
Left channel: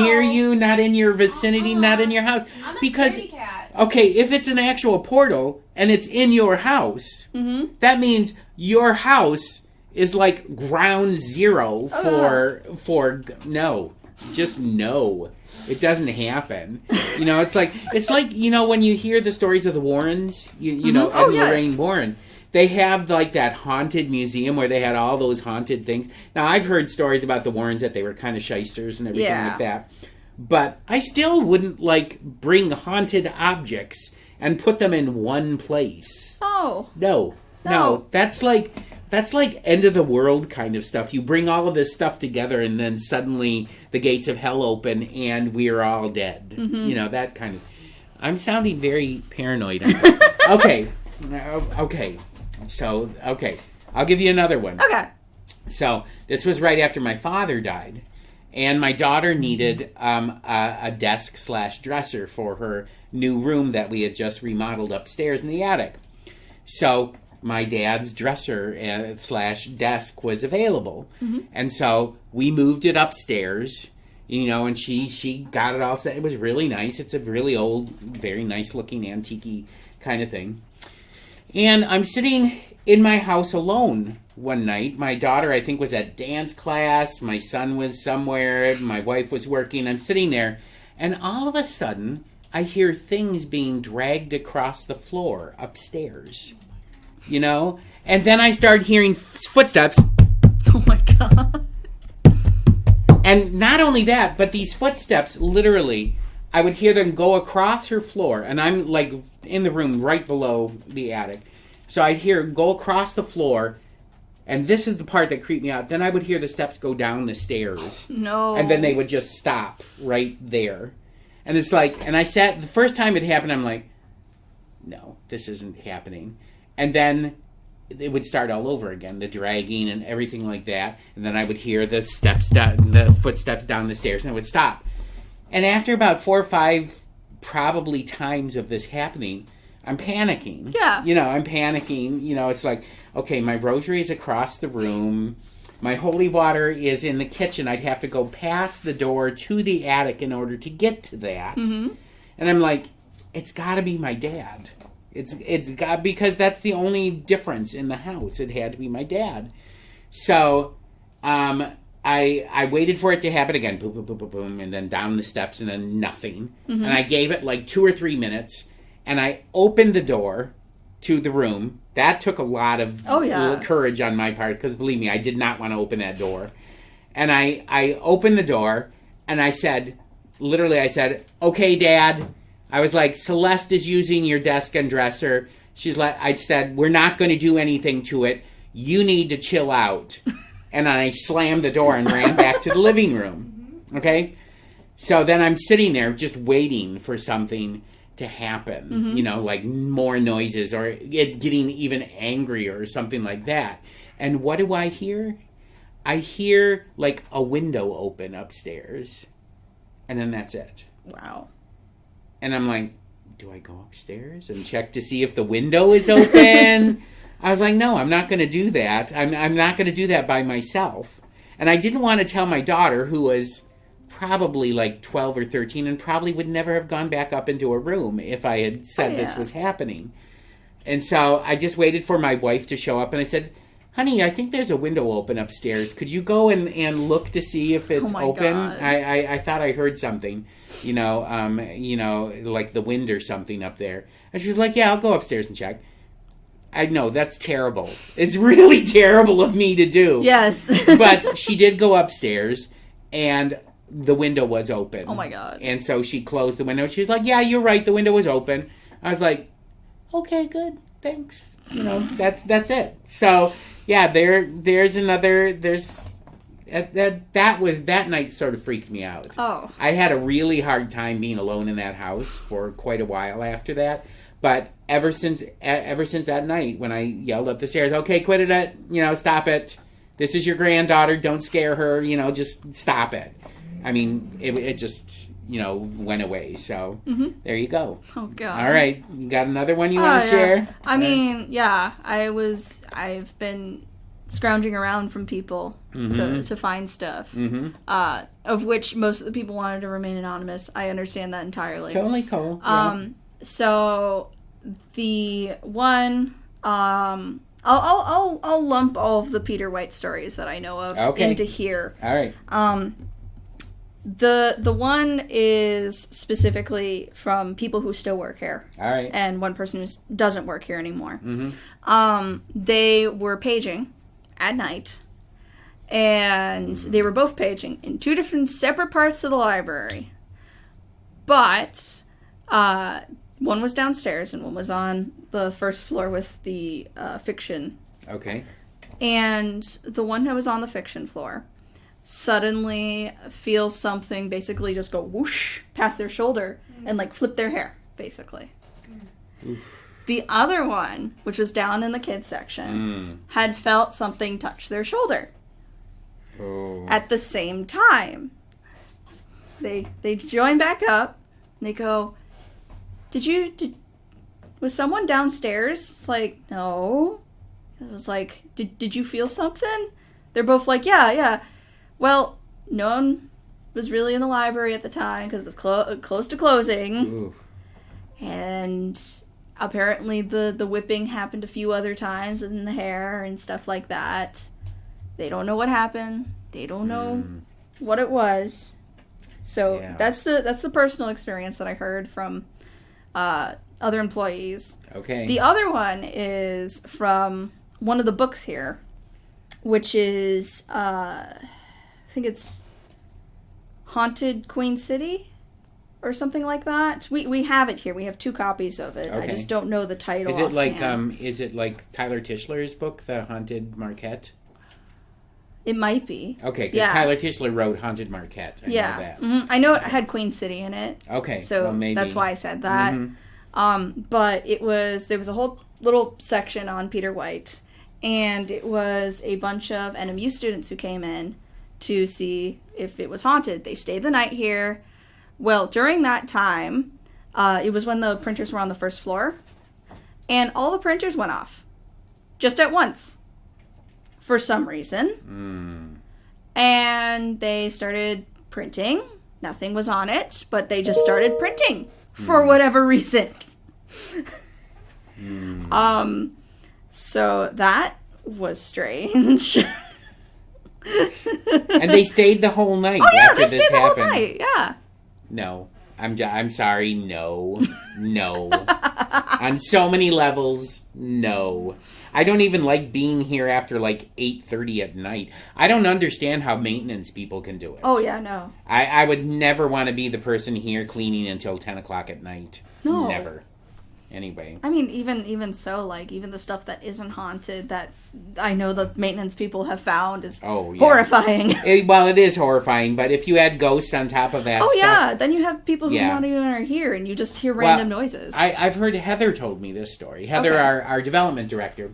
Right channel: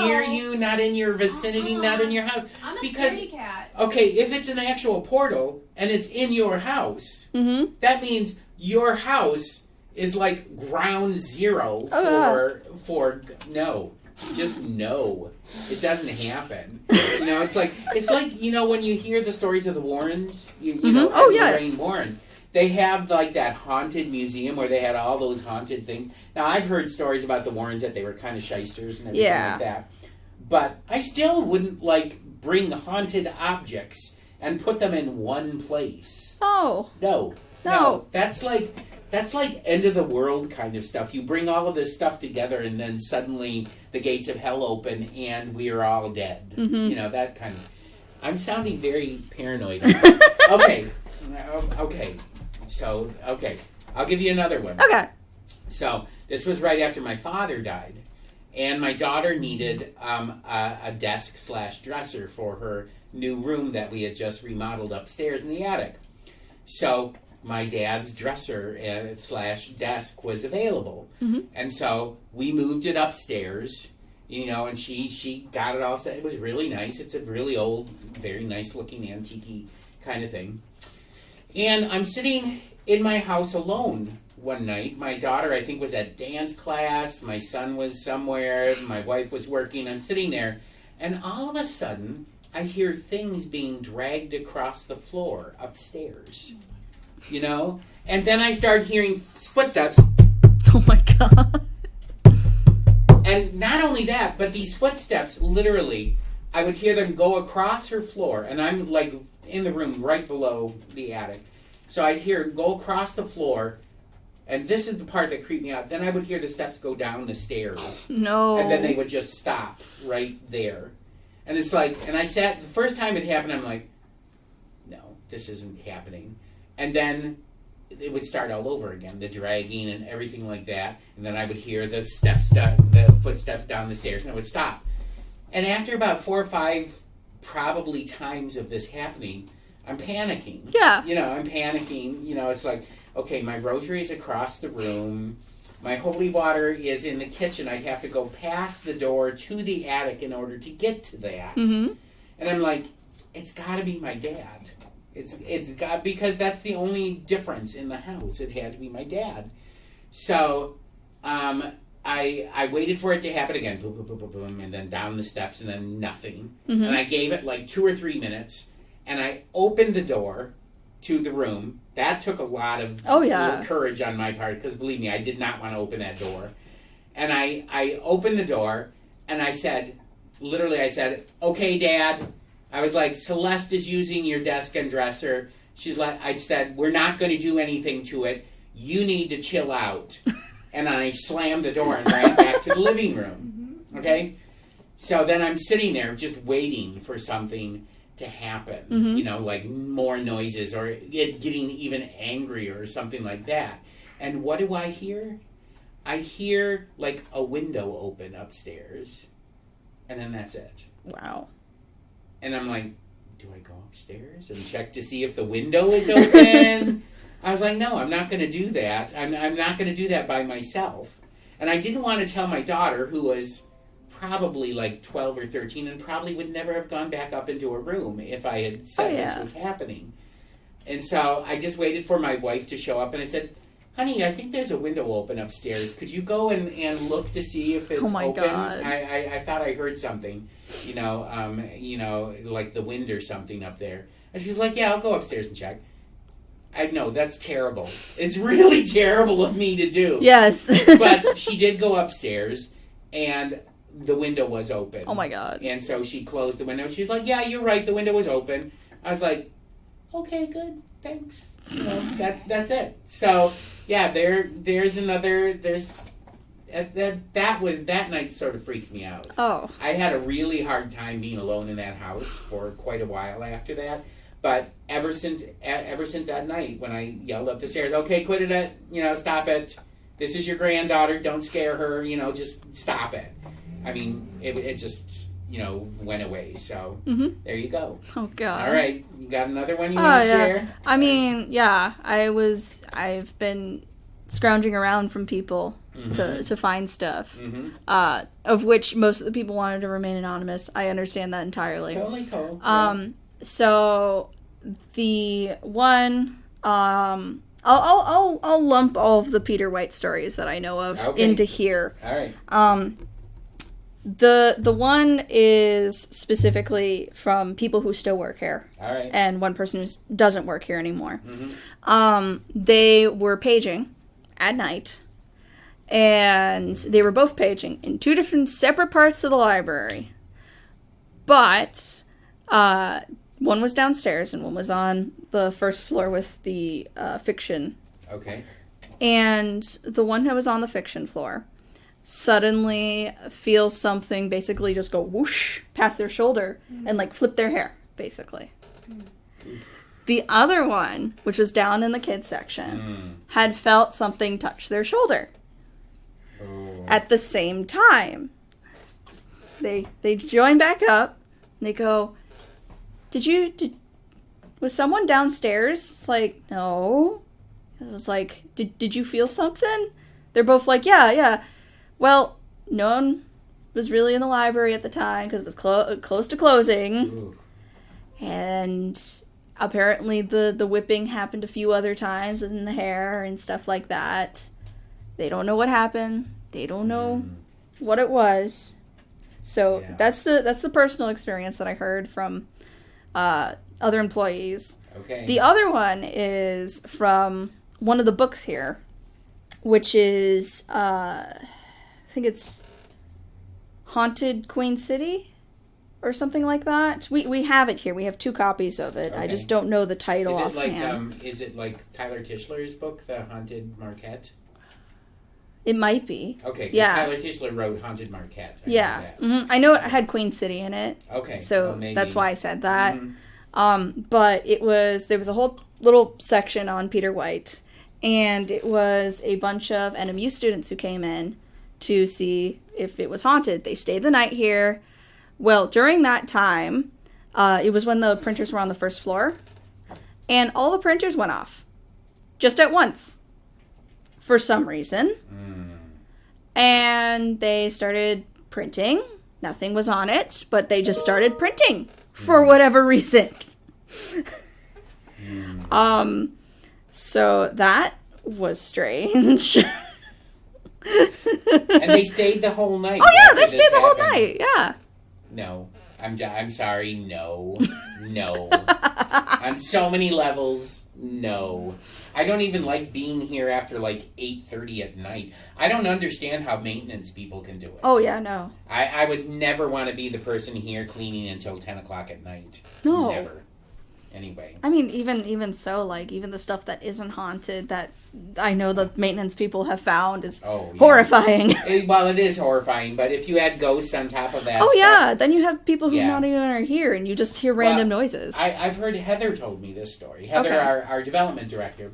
near you, not in your vicinity, not in your house. I'm a Because, scaredy cat. okay, if it's an actual portal and it's in your house, that means your house is like ground zero for no. Just no. It doesn't happen. You know, it's like you know, when you hear the stories of the Warrens, you know, Lorraine Warren, they have like that haunted museum where they had all those haunted things. Now, I've heard stories about the Warrens that they were kind of shysters and everything like that. But I still wouldn't like bring haunted objects and put them in one place. Oh. No. That's like end of the world kind of stuff. You bring all of this stuff together and then suddenly the gates of hell open and we're all dead. You know, that kind of... I'm sounding very paranoid. Okay. So, I'll give you another one. Okay. So, this was right after my father died. And my daughter needed a desk/dresser for her new room that we had just remodeled upstairs in the attic. So... my dad's dresser / desk was available. And so we moved it upstairs, you know, and she got it all set. It was really nice. It's a really old, very nice looking antique kind of thing. And I'm sitting in my house alone one night. My daughter, I think, was at dance class. My son was somewhere. My wife was working. I'm sitting there. And all of a sudden, I hear things being dragged across the floor upstairs. You know? And then I started hearing footsteps. Oh my God. And not only that, but these footsteps, literally, I would hear them go across her floor. And I'm, like, in the room right below the attic. So I'd hear them go across the floor. And this is the part that creeped me out. Then I would hear the steps go down the stairs. No. And then they would just stop right there. And it's like, and I sat, the first time it happened, I'm like, no, this isn't happening. And then it would start all over again, the dragging and everything like that. And then I would hear the steps down, the footsteps down the stairs, and it would stop. And after about 4 or 5 probably times of this happening, I'm panicking. Yeah. You know, I'm panicking. You know, it's like, okay, my rosary is across the room. My holy water is in the kitchen. I'd have to go past the door to the attic in order to get to that. And I'm like, it's got to be my dad. It's got, because that's the only difference in the house. It had to be my dad. So, I waited for it to happen again. Boom, boom, boom, boom, boom, and then down the steps, and then nothing. And I gave it like 2 or 3 minutes, and I opened the door to the room. That took a lot of courage on my part, because believe me, I did not want to open that door. And I opened the door, and I said, okay, Dad. I was like, Celeste is using your desk and dresser. I said, we're not going to do anything to it. You need to chill out. And I slammed the door and ran back to the living room. Okay? So then I'm sitting there just waiting for something to happen. You know, like more noises or it getting even angrier or something like that. And what do I hear? I hear like a window open upstairs. And then that's it. Wow. And I'm like, do I go upstairs and check to see if the window is open? I was like, no, I'm not going to do that. I'm not going to do that by myself. And I didn't want to tell my daughter, who was probably like 12 or 13 and probably would never have gone back up into a room if I had said this was happening. And so I just waited for my wife to show up, and I said, honey, I think there's a window open upstairs. Could you go and look to see if it's open? God. I thought I heard something, you know, like the wind or something up there. And she was like, yeah, I'll go upstairs and check. I know, that's terrible. It's really terrible of me to do. Yes. But she did go upstairs, and the window was open. Oh, my God. And so she closed the window. She was like, yeah, you're right, the window was open. I was like, okay, good, thanks. You know, that's it. So yeah, there's that night sort of freaked me out. Oh. I had a really hard time being alone in that house for quite a while after that. But ever since that night when I yelled up the stairs, okay, quit it, stop it. This is your granddaughter. Don't scare her. Just stop it. I mean, it just, went away. So there you go. Oh, God. All right. You got another one you want to share? I mean, yeah. I've been scrounging around from people to find stuff, of which most of the people wanted to remain anonymous. I understand that entirely. Totally cool. So the one, I'll lump all of the Peter White stories that I know of into here. All right. The one is specifically from people who still work here. All right. And one person who doesn't work here anymore. They were paging at night, and they were both paging in two different separate parts of the library. But one was downstairs and one was on the first floor with the fiction. Okay. And the one that was on the fiction floor suddenly feels something basically just go whoosh past their shoulder and like flip their hair, basically. The other one, which was down in the kids section, had felt something touch their shoulder. At the same time. They join back up and they go, was someone downstairs? It's like, no. It was like, did you feel something? They're both like, yeah. Well, no one was really in the library at the time because it was close to closing. Ooh. And apparently the whipping happened a few other times in the hair and stuff like that. They don't know what happened. They don't know what it was. So that's the personal experience that I heard from other employees. Okay. The other one is from one of the books here, which is I think it's Haunted Queen City or something like that. We have it here. We have 2 copies of it. Okay. I just don't know the title offhand. Is it like Tyler Tischler's book, The Haunted Marquette? It might be. Okay, yeah. Tyler Tischler wrote Haunted Marquette. I know it had Queen City in it. Okay. So that's why I said that. But there was a whole little section on Peter White, and it was a bunch of NMU students who came in to see if it was haunted. They stayed the night here. Well, during that time, it was when the printers were on the first floor, and all the printers went off. Just at once. For some reason. And they started printing. Nothing was on it, but they just started printing for whatever reason. So that was strange. And they stayed the whole night. Oh yeah, they stayed the whole night. Yeah. No. I'm sorry, no. On so many levels, no. I don't even like being here after like 8:30 at night. I don't understand how maintenance people can do it. Oh yeah, no. I would never want to be the person here cleaning until 10 o'clock at night. No. Never. Anyway. I mean, even so, like, even the stuff that isn't haunted that I know the maintenance people have found is horrifying. It is horrifying, but if you add ghosts on top of that yeah, then you have people who not even are here, and you just hear random noises. I've heard Heather told me this story. Heather, our development director,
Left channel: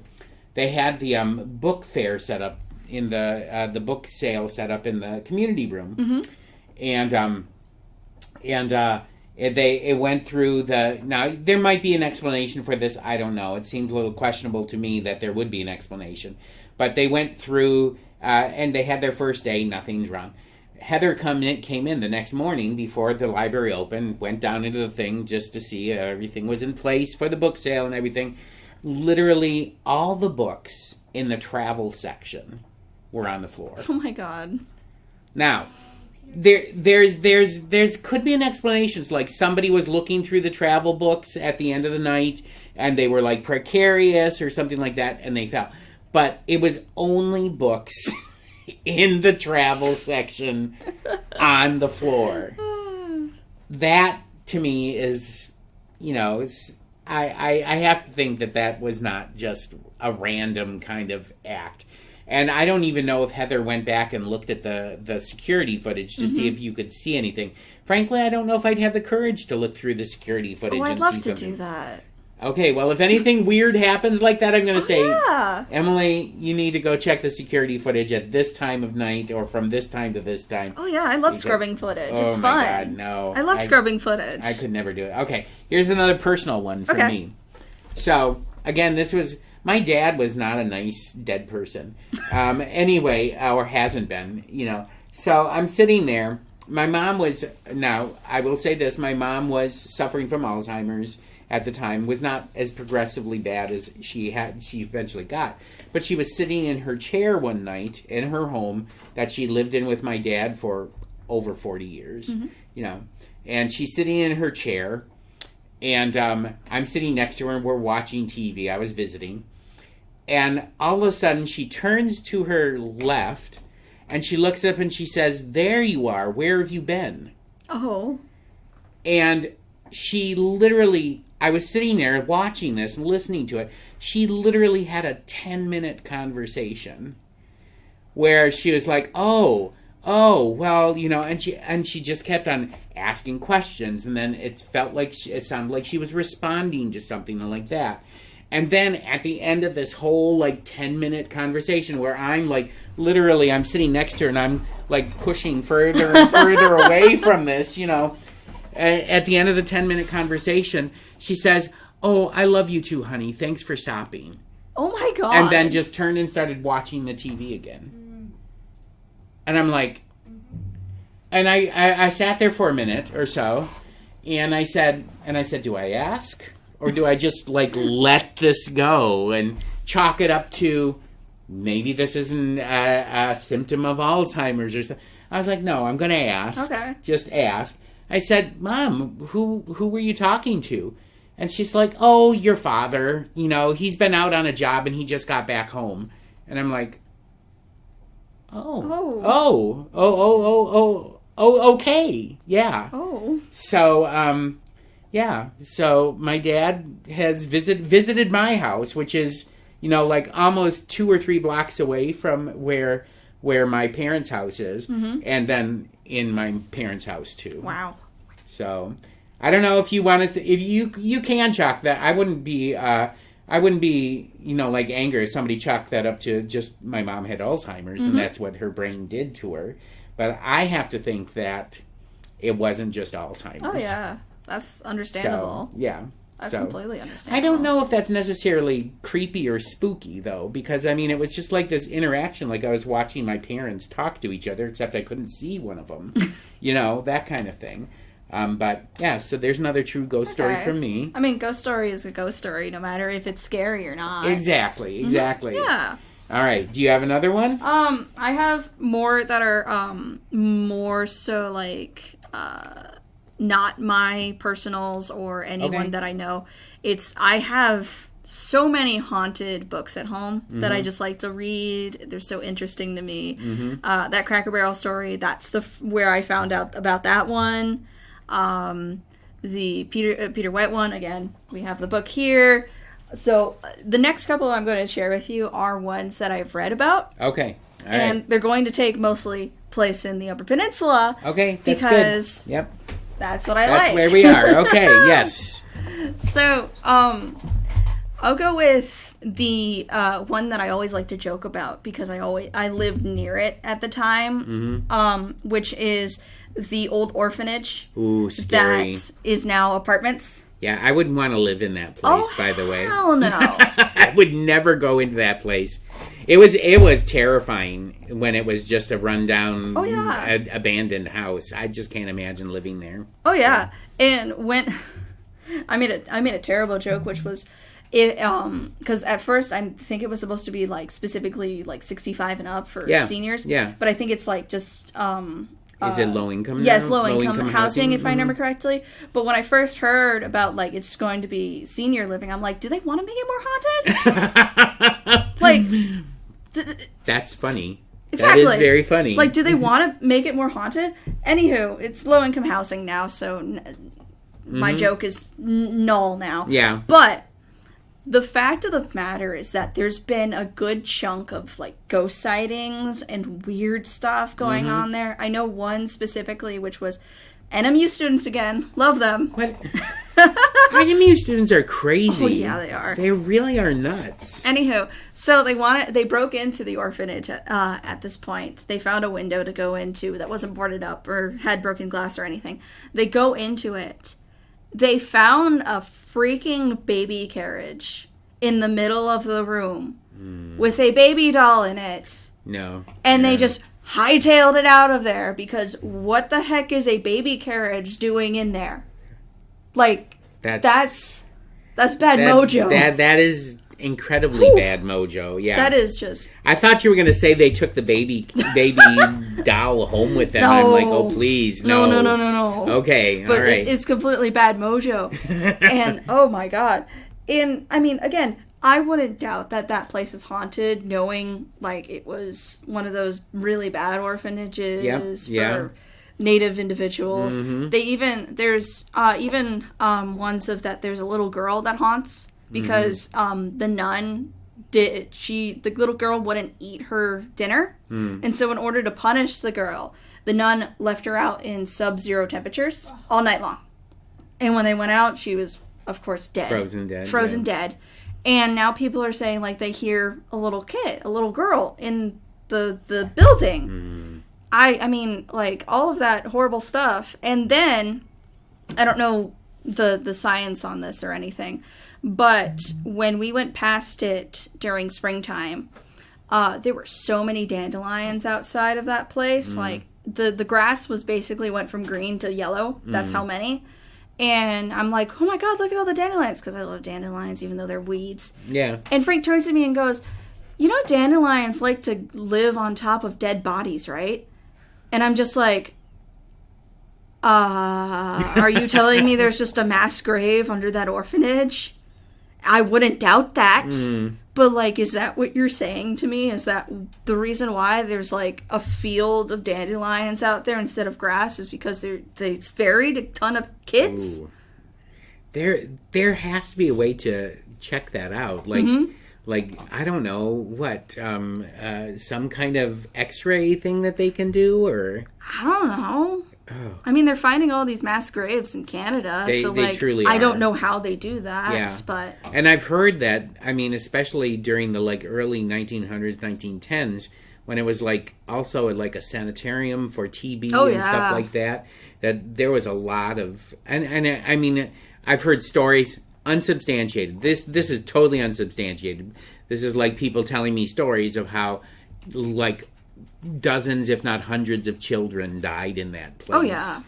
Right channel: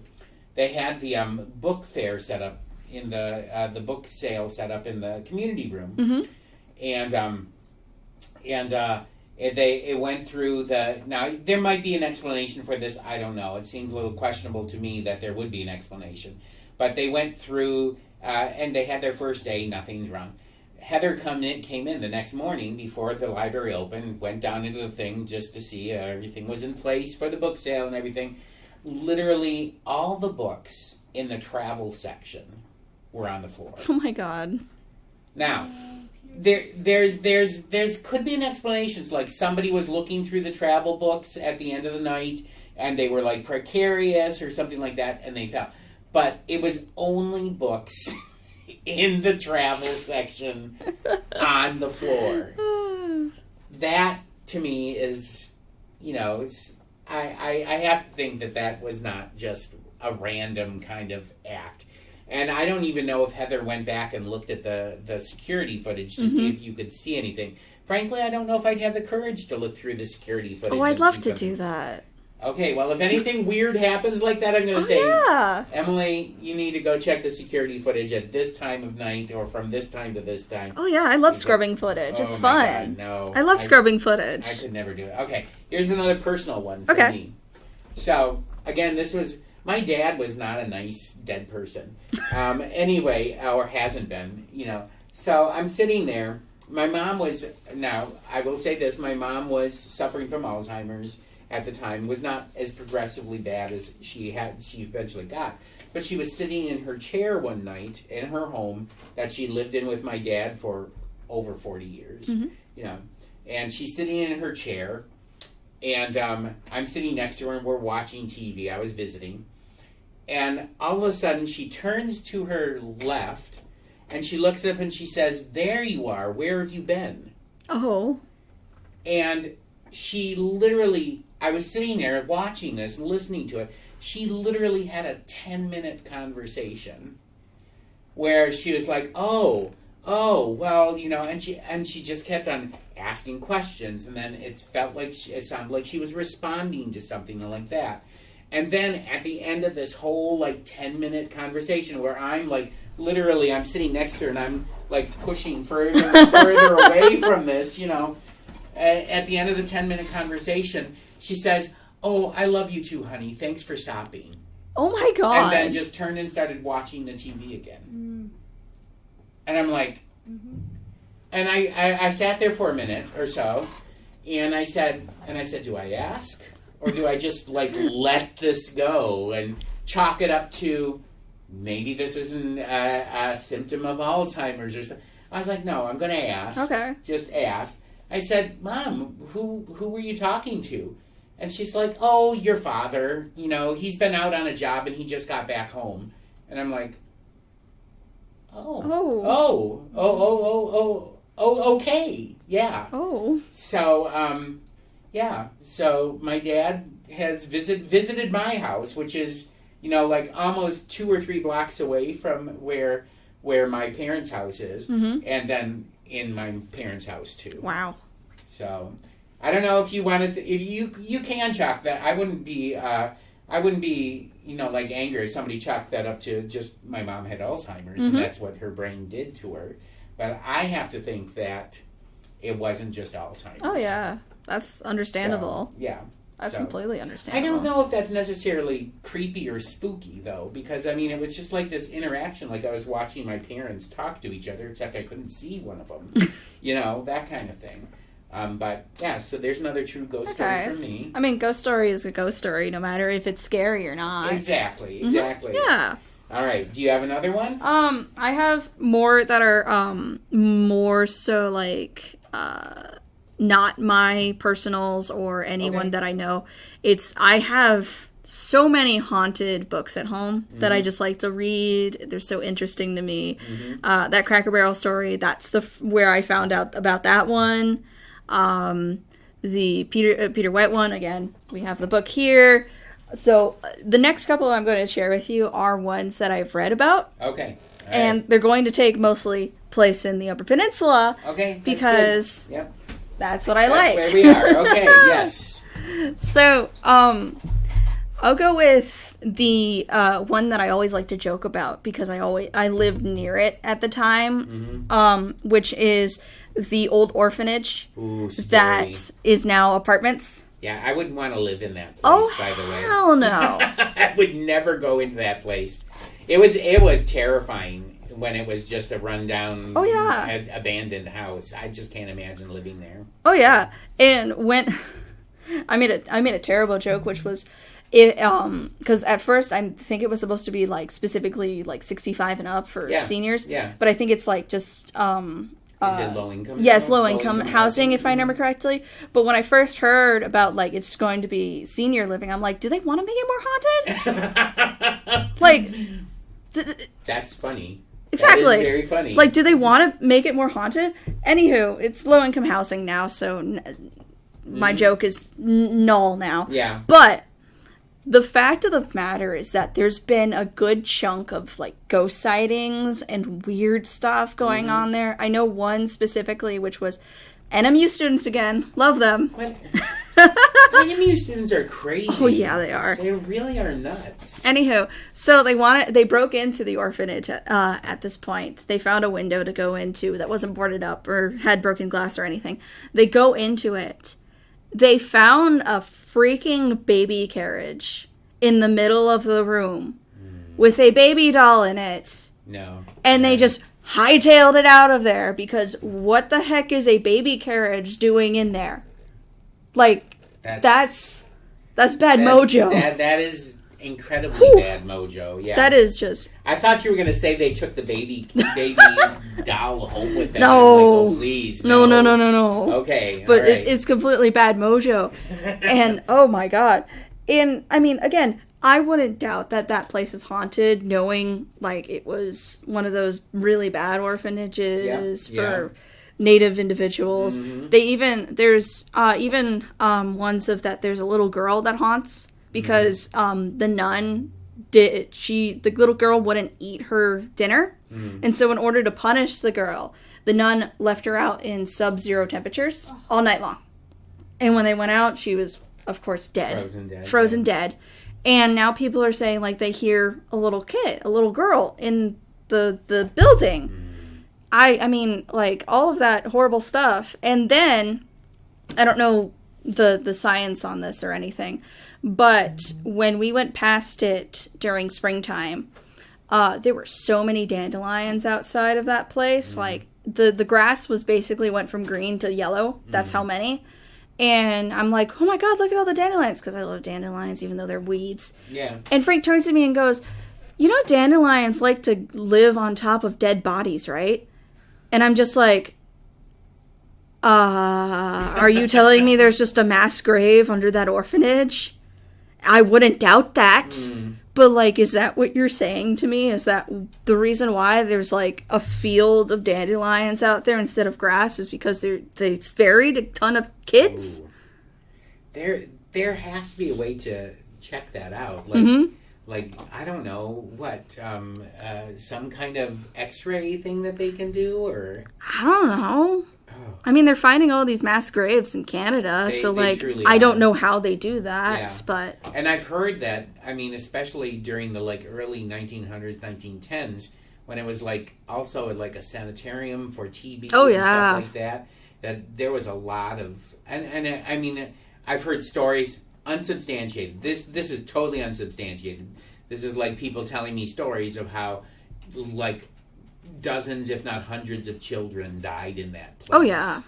they had the book fair set up in the book sale set up in the community room. And it went through now there might be an explanation for this, I don't know. It seems a little questionable to me that there would be an explanation. But they went through, and they had their first day, nothing's wrong. Heather came in the next morning before the library opened, went down into the thing just to see everything was in place for the book sale and everything. Literally all the books in the travel section were on the floor. Oh my God. Now, there's could be an explanation. It's like somebody was looking through the travel books at the end of the night and they were like precarious or something like that and they fell. But it was only books in the travel section on the floor. That to me is, I have to think that was not just a random kind of act. And I don't even know if Heather went back and looked at the security footage to see if you could see anything. Frankly, I don't know if I'd have the courage to look through the security footage. Oh, I'd love to do that. Okay, well, if anything weird happens like that, I'm going to say, yeah. Emily, you need to go check the security footage at this time of night or from this time to this time. Oh, yeah, I love scrubbing footage. Oh, it's my fun. God, no. I love scrubbing footage. I could never do it. Okay, here's another personal one for me. So, again, my dad was not a nice dead person. Anyway, or hasn't been, So I'm sitting there. My mom now, I will say this, my mom was suffering from Alzheimer's at the time, was not as progressively bad as she eventually got. But she was sitting in her chair one night in her home that she lived in with my dad for over 40 years, and she's sitting in her chair, and I'm sitting next to her and we're watching TV. I was visiting. And all of a sudden she turns to her left and she looks up and she says, "There you are. Where have you been?" Oh. And she literally, I was sitting there watching this and listening to it. She literally had a 10-minute conversation where she was like, oh, well, and she just kept on asking questions. And then it sounded like she was responding to something like that. And then at the end of this whole 10-minute conversation where I'm literally I'm sitting next to her and I'm pushing further and further away from this, at the end of the 10-minute conversation, she says, "Oh, I love you too, honey. Thanks for stopping." Oh my God. And then just turned and started watching the TV again. And I'm like, and I sat there for a minute or so, and I said, do I ask? Or do I just let this go and chalk it up to maybe this isn't a symptom of Alzheimer's or something? I was like, no, I'm going to ask. Okay. Just ask. I said, "Mom, who were you talking to?" And she's like, "Oh, your father. He's been out on a job and he just got back home." And I'm like, oh, okay, yeah. Oh. So, yeah. So my dad has visited my house, which is, almost 2 or 3 blocks away from where my parents' house is, and then in my parents' house too. Wow. So, I don't know if you want to. If you can chalk that, I wouldn't be angry if somebody chalked that up to just my mom had Alzheimer's and that's what her brain did to her. But I have to think that it wasn't just Alzheimer's. Oh yeah, that's understandable. So, yeah. That's completely understandable. I don't know if that's necessarily creepy or spooky, though, because, it was just like this interaction, like I was watching my parents talk to each other, except I couldn't see one of them, that kind of thing. But, yeah, so there's another true ghost story from me. Ghost story is a ghost story, no matter if it's scary or not. Exactly. Yeah. All right, do you have another one? I have more that are, more so, not my personals or anyone that I know. I have so many haunted books at home that I just like to read. They're so interesting to me. That Cracker Barrel story, that's where I found out about that one. The Peter White one, again, we have the book here. So the next couple I'm going to share with you are ones that I've read about. Okay. All and right. they're going to take mostly place in the Upper Peninsula. Okay. Because good. Yep. That's what I like. That's where we are. Okay, yes. So, I'll go with the one that I always like to joke about because I lived near it at the time, which is the old orphanage that is now apartments. Yeah, I wouldn't want to live in that place, by the way. Oh, hell no. I would never go into that place. It was terrifying when it was just a rundown, abandoned house. I just can't imagine living there. Oh yeah, and when I made a terrible joke, which was because at first I think it was supposed to be specifically 65 and up for seniors. Yeah, but I think it's just. Is it low income? Yes, low income housing, if I remember correctly. But when I first heard about it's going to be senior living, I'm like, do they want to make it more haunted? That's funny. Exactly. That is very funny. Do they want to make it more haunted? Anywho, it's low income housing now, so my joke is null now. Yeah. But the fact of the matter is that there's been a good chunk of, like, ghost sightings and weird stuff going on there. I know one specifically, which was NMU students again. Love them. What? NMU students are crazy. Oh, yeah, they are. They really are nuts. Anywho, so they broke into the orphanage at this point. They found a window to go into that wasn't boarded up or had broken glass or anything. They go into it. They found a freaking baby carriage in the middle of the room with a baby doll in it. No. And they just hightailed it out of there because what the heck is a baby carriage doing in there? Like, that's bad mojo. That is incredibly bad mojo. Yeah. That is just... I thought you were going to say they took the baby doll home with them. No. I'm like, oh, please. No. Okay. But all right. it's completely bad mojo. And, oh my god. And, I mean, again, I wouldn't doubt that place is haunted, knowing, like, it was one of those really bad orphanages for Native individuals. There's ones of that there's a little girl that haunts because the nun the little girl wouldn't eat her dinner. And so in order to punish the girl, the nun left her out in sub-zero temperatures all night long. And when they went out, she was, of course, dead. Frozen dead. And now people are saying, like, they hear a little girl in the building. I mean, like, all of that horrible stuff. And then, I don't know the science on this or anything, but when we went past it during springtime, there were so many dandelions outside of that place. Like, the grass was basically went from green to yellow. That's how many. And I'm like, oh my god, look at all the dandelions, because I love dandelions, even though they're weeds. Yeah. And Frank turns to me and goes, you know dandelions like to live on top of dead bodies, right? And I'm just like, are you telling me there's just a mass grave under that orphanage? I wouldn't doubt that. But, like, is that what you're saying to me? Is that the reason why there's, like, a field of dandelions out there instead of grass is because they buried a ton of kids? Ooh. There has to be a way to check that out. Like, I don't know, what, some kind of x-ray thing that they can do, or? I don't know. Oh. I mean, they're finding all these mass graves in Canada, so, like, I don't know how they do that, but... And I've heard that, I mean, especially during the, like, early 1900s, 1910s, when it was, like, also, like, a sanitarium for TB and stuff like that there was a lot of... And I mean, I've heard stories... Unsubstantiated. This is totally unsubstantiated. This is like people telling me stories of how, like, dozens, if not hundreds of children died in that place. Oh, yeah.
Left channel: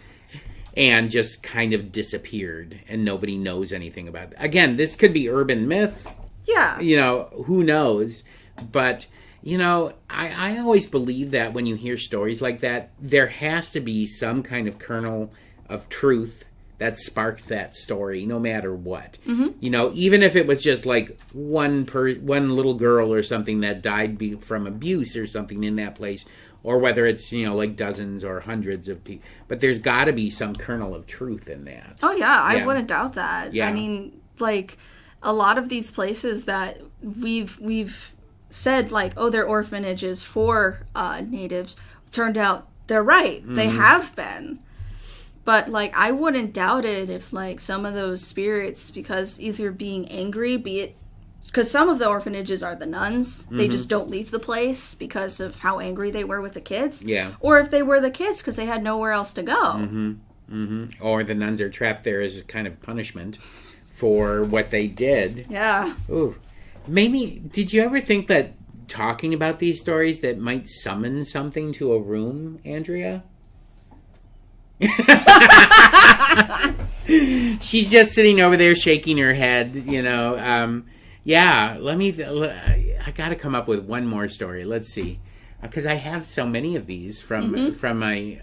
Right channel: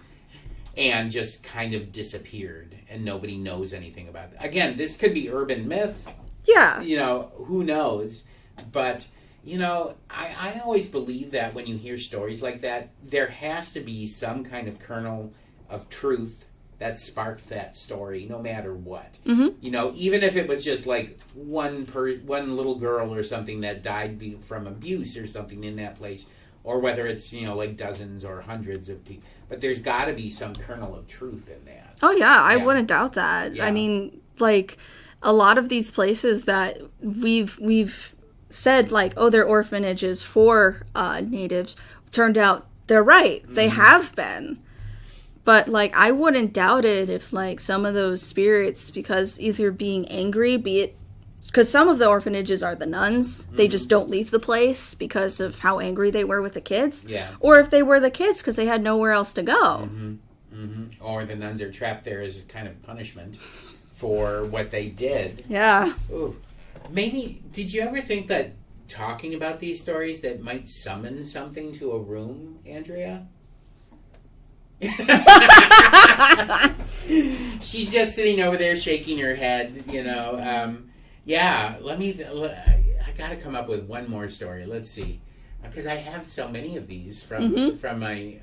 And just kind of disappeared, and nobody knows anything about it. Again, this could be urban myth. Yeah. You know, who knows? But, you know, I always believe that when you hear stories like that, there has to be some kind of kernel of truth that sparked that story, no matter what. You know, even if it was just like one little girl or something that died from abuse or something in that place, or whether it's, you know, like dozens or hundreds of people. But there's got to be some kernel of truth in that. Oh, yeah, I wouldn't doubt that. Yeah. I mean, like, a lot of these places that we've said, like, oh, they're orphanages for natives, turned out they're right. They have been. But, like, I wouldn't doubt it if, like, some of those spirits, because either being angry, be it... Because some of the orphanages are the nuns. They just don't leave the place because of how angry they were with the kids. Yeah. Or if they were the kids because they had nowhere else to go. Or the nuns are trapped there as kind of punishment for what they did. Yeah. Ooh. Maybe... Did you ever think that talking about these stories that might summon something to a room, Andrea? She's just sitting over there shaking her head, you know. I gotta come up with one more story. Let's see, because I have so many of these from my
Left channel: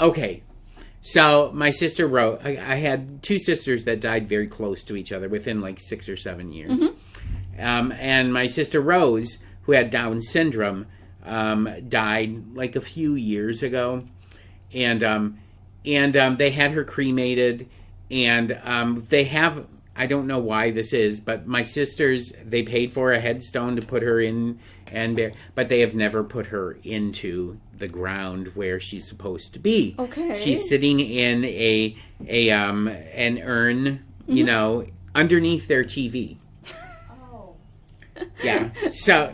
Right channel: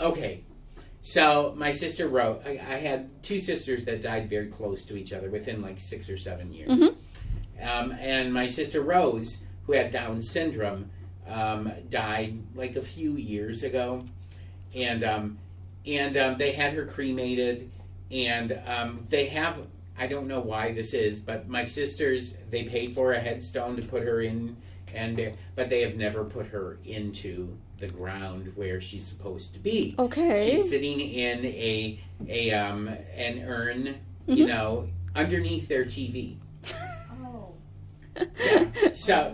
okay, so my sister wrote, I had two sisters that died very close to each other within like 6 or 7 years. And my sister Rose, who had Down syndrome, died like a few years ago, and And they had her cremated, and they have, I don't know why this is, but my sisters, they paid for a headstone to put her in, but they have never put her into the ground where she's supposed to be. Okay. She's sitting in an urn, you know, underneath their TV. Oh. Yeah. So,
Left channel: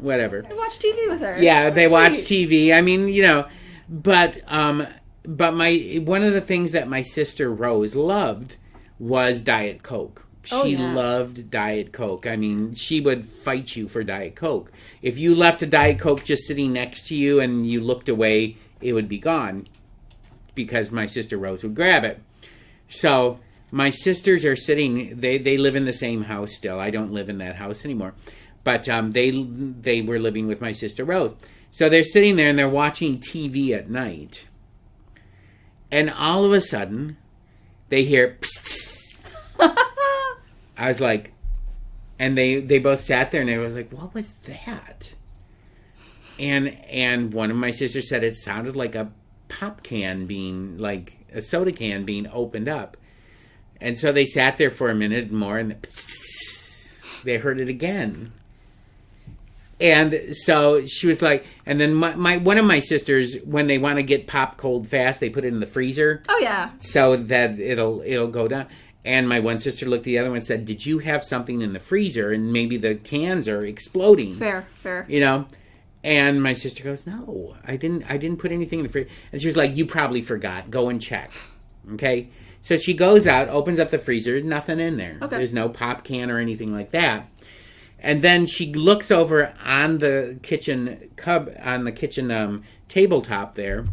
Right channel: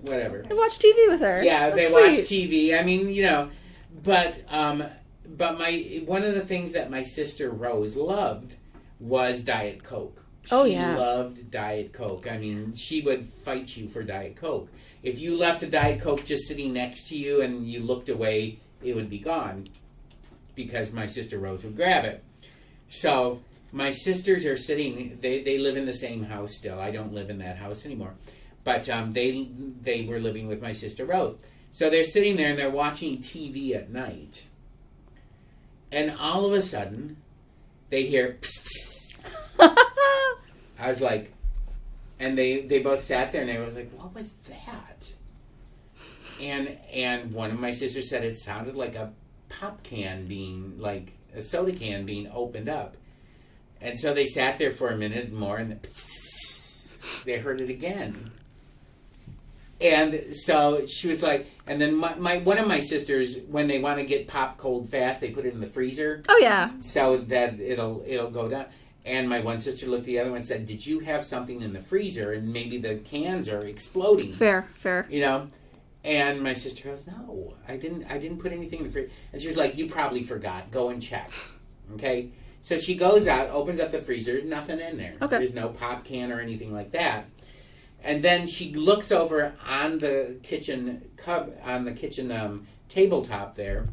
whatever. I watch TV with her. Yeah, That's they watch sweet. TV. I mean, you know, but one of the things that my sister Rose loved was Diet Coke. She loved Diet Coke. I mean, she would fight you for Diet Coke. If you left a Diet Coke just sitting next to you and you looked away, it would be gone because my sister Rose would grab it. So my sisters are sitting, they live in the same house still. I don't live in that house anymore. But they were living with my sister Rose. So they're sitting there and they're watching TV at night. And all of a sudden, they hear I was like, and they both sat there and they were like, what was that? And one of my sisters said it sounded like a pop can being, like a soda can being opened up. And so they sat there for a minute more and they heard it again. And so she was like, and then my one of my sisters, when they want to get pop cold fast, they put it in the freezer. Oh, yeah. So that it'll go down. And my one sister looked at the other one and said, did you have something in the freezer? And maybe the cans are exploding. Fair. You know? And my sister goes, no, I didn't put anything in the freezer. And she was like, you probably forgot. Go and check. Okay? So she goes out, opens up the freezer, nothing in there. Okay. There's no pop can or anything like that. And then she looks over on the kitchen tabletop there,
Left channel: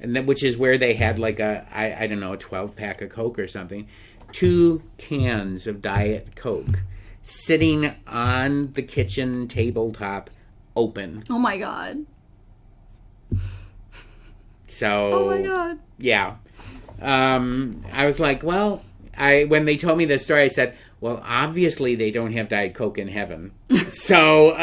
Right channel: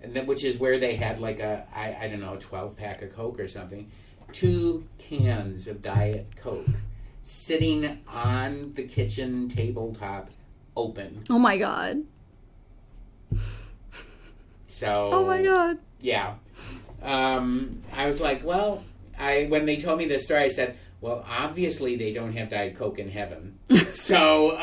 and then, which is where they had like a 12-pack of Coke or something. 2 cans of Diet Coke sitting on the kitchen tabletop open. Oh my god. So. Oh my god. Yeah. I was like, well, when they told me this story, I said, well, obviously they don't have Diet Coke in heaven. So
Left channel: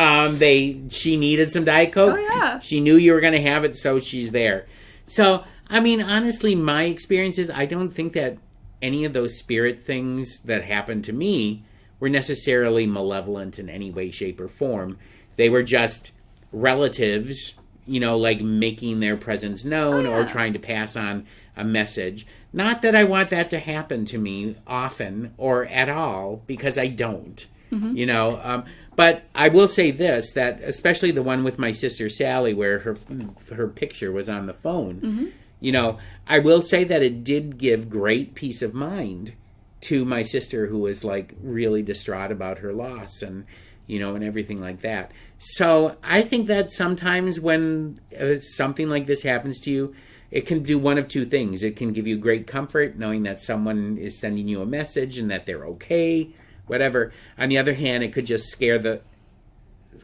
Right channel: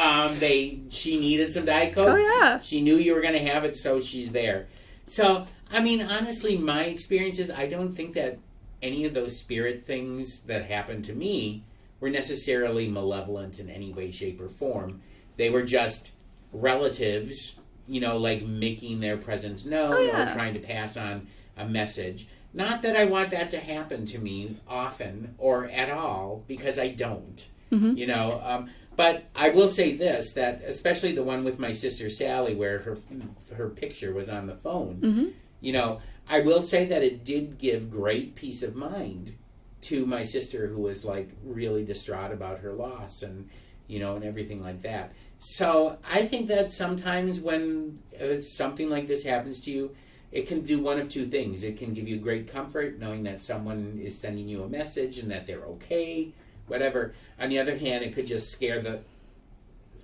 she needed some Diet Coke. Oh yeah. She knew you were going to have it, so she's there. So, I mean, honestly, my experience is I don't think that any of those spirit things that happened to me were necessarily malevolent in any way, shape, or form. They were just relatives, you know, like making their presence known or trying to pass on a message. Not that I want that to happen to me often or at all, because I don't, you know. But I will say this, that especially the one with my sister Sally, where her picture was on the phone, you know, I will say that it did give great peace of mind to my sister, who was like really distraught about her loss and, you know, and everything like that. So I think that sometimes when something like this happens to you, it can do one of two things. It can give you great comfort knowing that someone is sending you a message and that they're okay, whatever. On the other hand, it could just scare the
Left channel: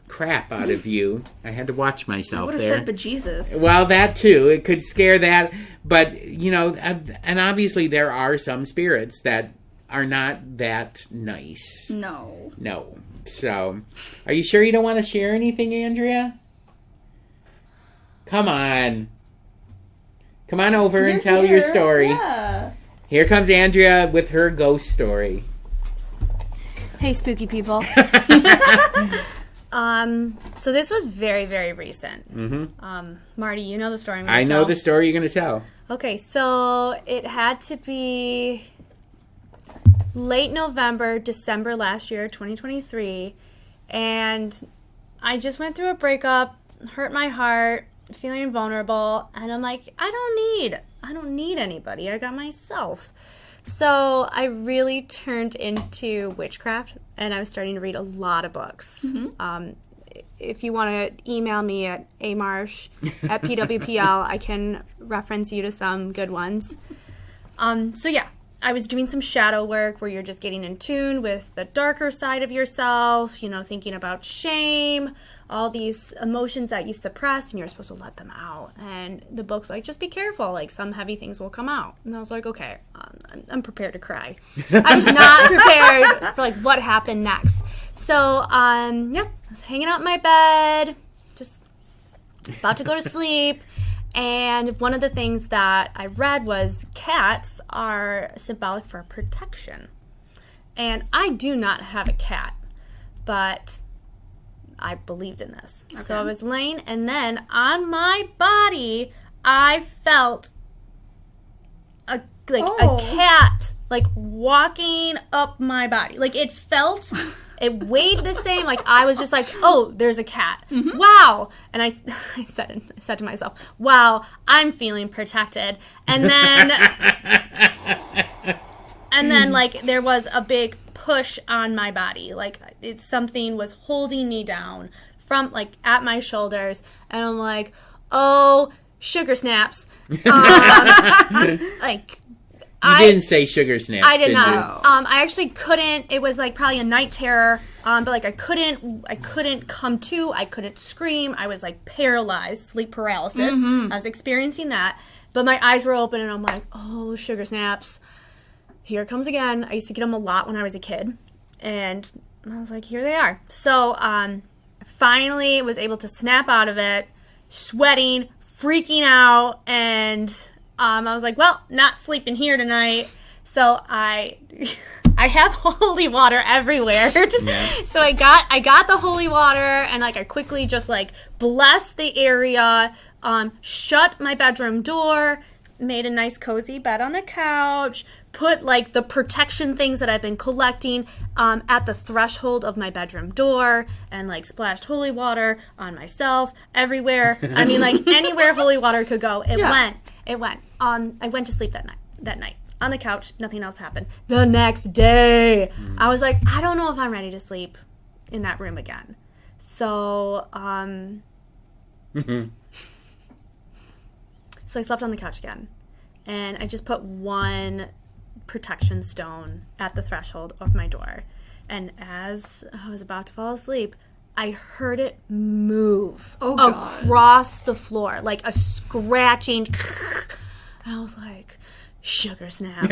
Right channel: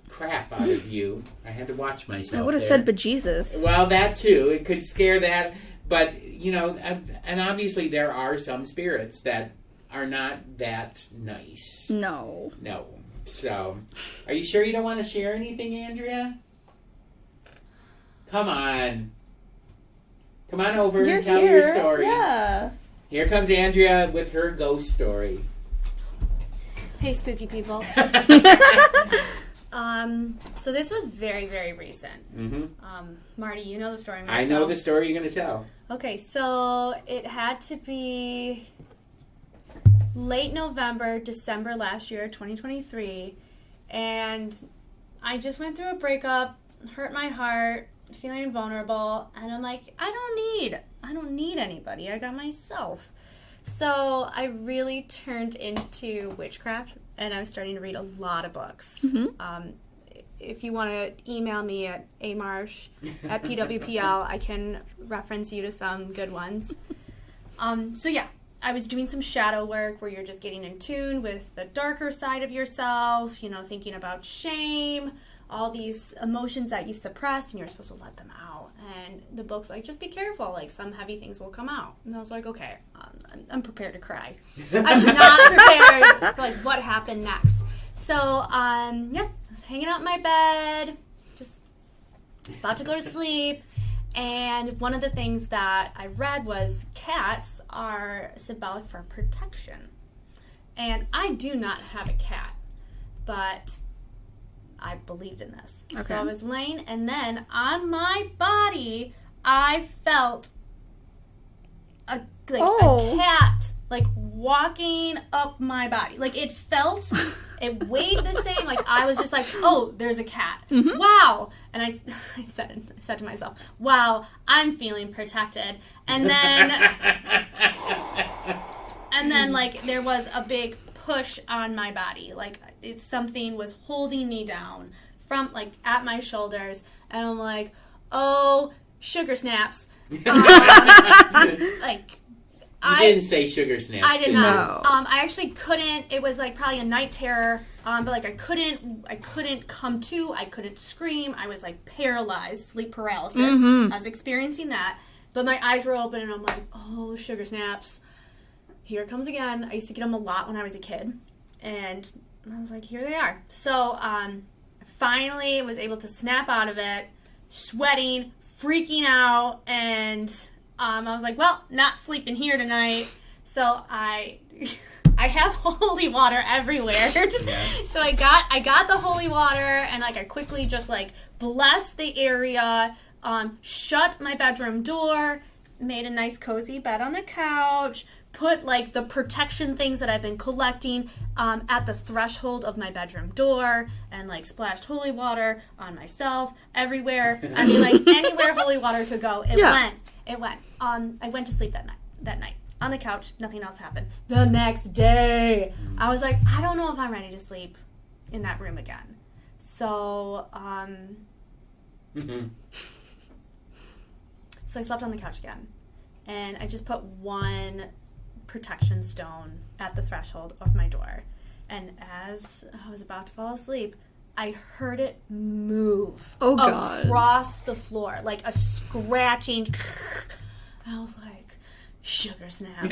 crap out of you. I had to watch myself. I would have said bejesus. Well, that too. It could scare that. But, you know, and obviously there are some spirits that are not that nice. No. So, are you sure you don't want to share anything, Andrea? Come on. Come on over and tell your story. Yeah. Here comes Andrea with her ghost story. Hey, spooky people. So this was very, very recent. Mm-hmm. Marty, you know the story I'm going to tell? I know the story you're going to tell. Okay, so it had to be late November, December last year, 2023, and I just went through a breakup, hurt my heart, feeling vulnerable, and I'm like, I don't need anybody. I got myself. So I really turned into witchcraft, and I was starting to read a lot of books. If you want to email me at amarsh@pwpl, I can reference you to some good ones. So yeah, I was doing some shadow work where you're just getting in tune with the darker side of yourself, you know, thinking about shame, all these emotions that you suppress, and you're supposed to let them out. And the book's like, just be careful, like some heavy things will come out. And I was like, okay, I'm prepared to cry. I was not prepared for like what happened next. So yeah, I was hanging out in my bed, just about to go to sleep, And one of the things that I read was cats are symbolic for protection. And I do not have a cat, but I believed in this. Okay. So I was laying, and then on my body, I felt a cat, like, walking up my body. Like, it felt, it weighed the same. Like, I was just like, oh, there's a cat. Mm-hmm. Wow. And I said to myself, wow, I'm feeling protected. And then, like, there was a big push on my body. Like, something was holding me down from, like, at my shoulders. And I'm like, oh, sugar snaps. Like, you didn't say sugar snaps. I did not. You? I actually couldn't. It was like probably a night terror. But like I couldn't come to. I couldn't scream. I was like paralyzed, sleep paralysis. Mm-hmm. I was experiencing that. But my eyes were open, and I'm like, oh, sugar snaps. Here it comes again. I used to get them a lot when I was a kid, and I was like, here they are. So finally was able to snap out of it, sweating, freaking out, and I was like, well, not sleeping here tonight. So I have holy water everywhere. Yeah. So I got the holy water, and like I quickly just like blessed the area, shut my bedroom door, made a nice cozy bed on the couch, put like the protection things that I've been collecting at the threshold of my bedroom door, and like splashed holy water on myself everywhere. I mean, like anywhere holy water could go, it went. It went. I went to sleep that night on the couch. Nothing else happened. The next day, I was like, I don't know if I'm ready to sleep in that room again. So, so I slept on the couch again, and I just put one protection stone at the threshold of my door. And as I was about to fall asleep, I heard it move across the floor, like a scratching. And I was like, sugar snaps.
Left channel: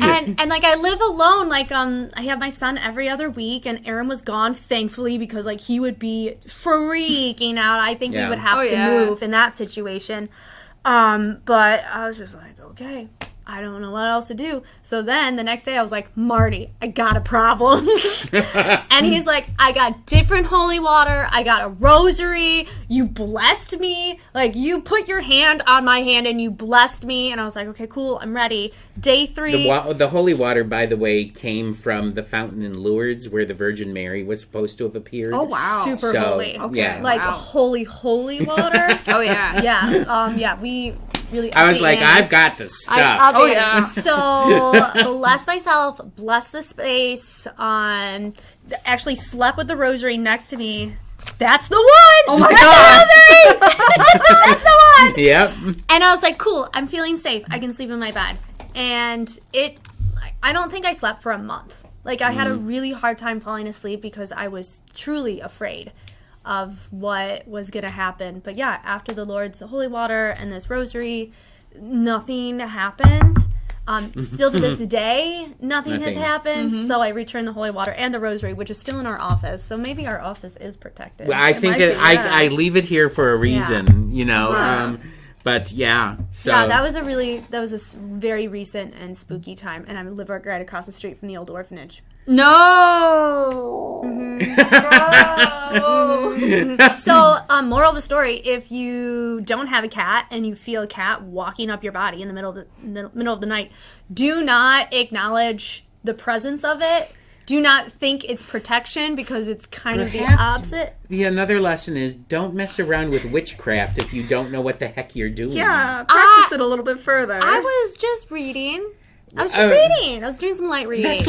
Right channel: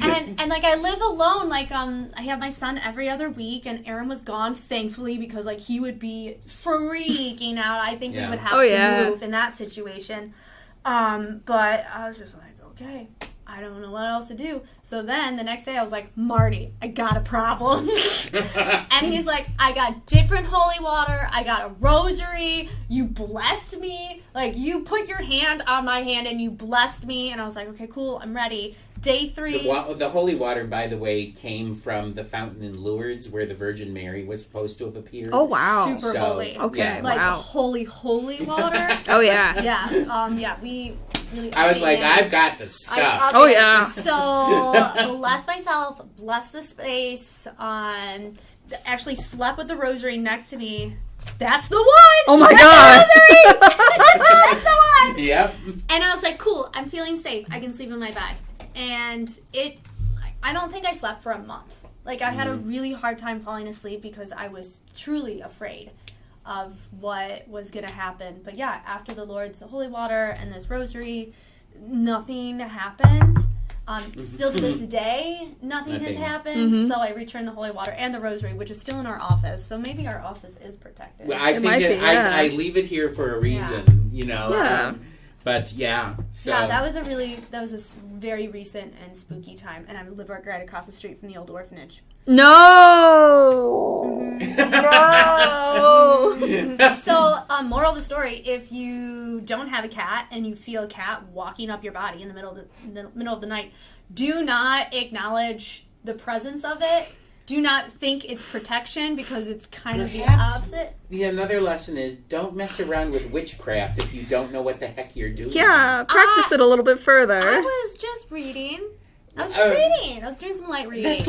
and like I live alone. Like I have my son every other week, and Aaron was gone, thankfully, because like he would be freaking out. I think we would have to move in that situation. But I was just like, okay, I don't know what else to do. So then the next day I was like, Marty, I got a problem. And he's like, I got different holy water. I got a rosary. You blessed me. Like, you put your hand on my hand and you blessed me. And I was like, okay, cool. I'm ready. Day 3. The holy water, by the way, came from the fountain in Lourdes where the Virgin Mary was supposed to have appeared. Oh, wow. Super holy. Okay. Yeah. Like holy water. Oh, yeah. Yeah, we really... I was like, I've got the stuff. So, bless myself, bless the space, actually slept with the rosary next to me. That's the one! Oh my God! That's the one! Yep. And I was like, cool, I'm feeling safe. I can sleep in my bed. And I don't think I slept for a month. Like, I had a really hard time falling asleep because I was truly afraid of what was going to happen. But yeah, after the Lord's holy water and this rosary, nothing happened. Still to this day, nothing has happened. Mm-hmm. So I returned the holy water and the rosary, which is still in our office. So maybe our office is protected. Well, I think that I leave it here for a reason, you know. Yeah. But yeah, so yeah, that was a very recent and spooky time, and I live right across the street from the old orphanage. No. Mm-hmm. No. So, moral of the story: if you don't have a cat and you feel a cat walking up your body in the middle of the night, do not acknowledge the presence of it. Do not think it's protection, because it's kind of the opposite. The another lesson is don't mess around with witchcraft if you don't know what the heck you're doing. Yeah, practice it a little bit further. I was just reading. I was doing some light reading. That's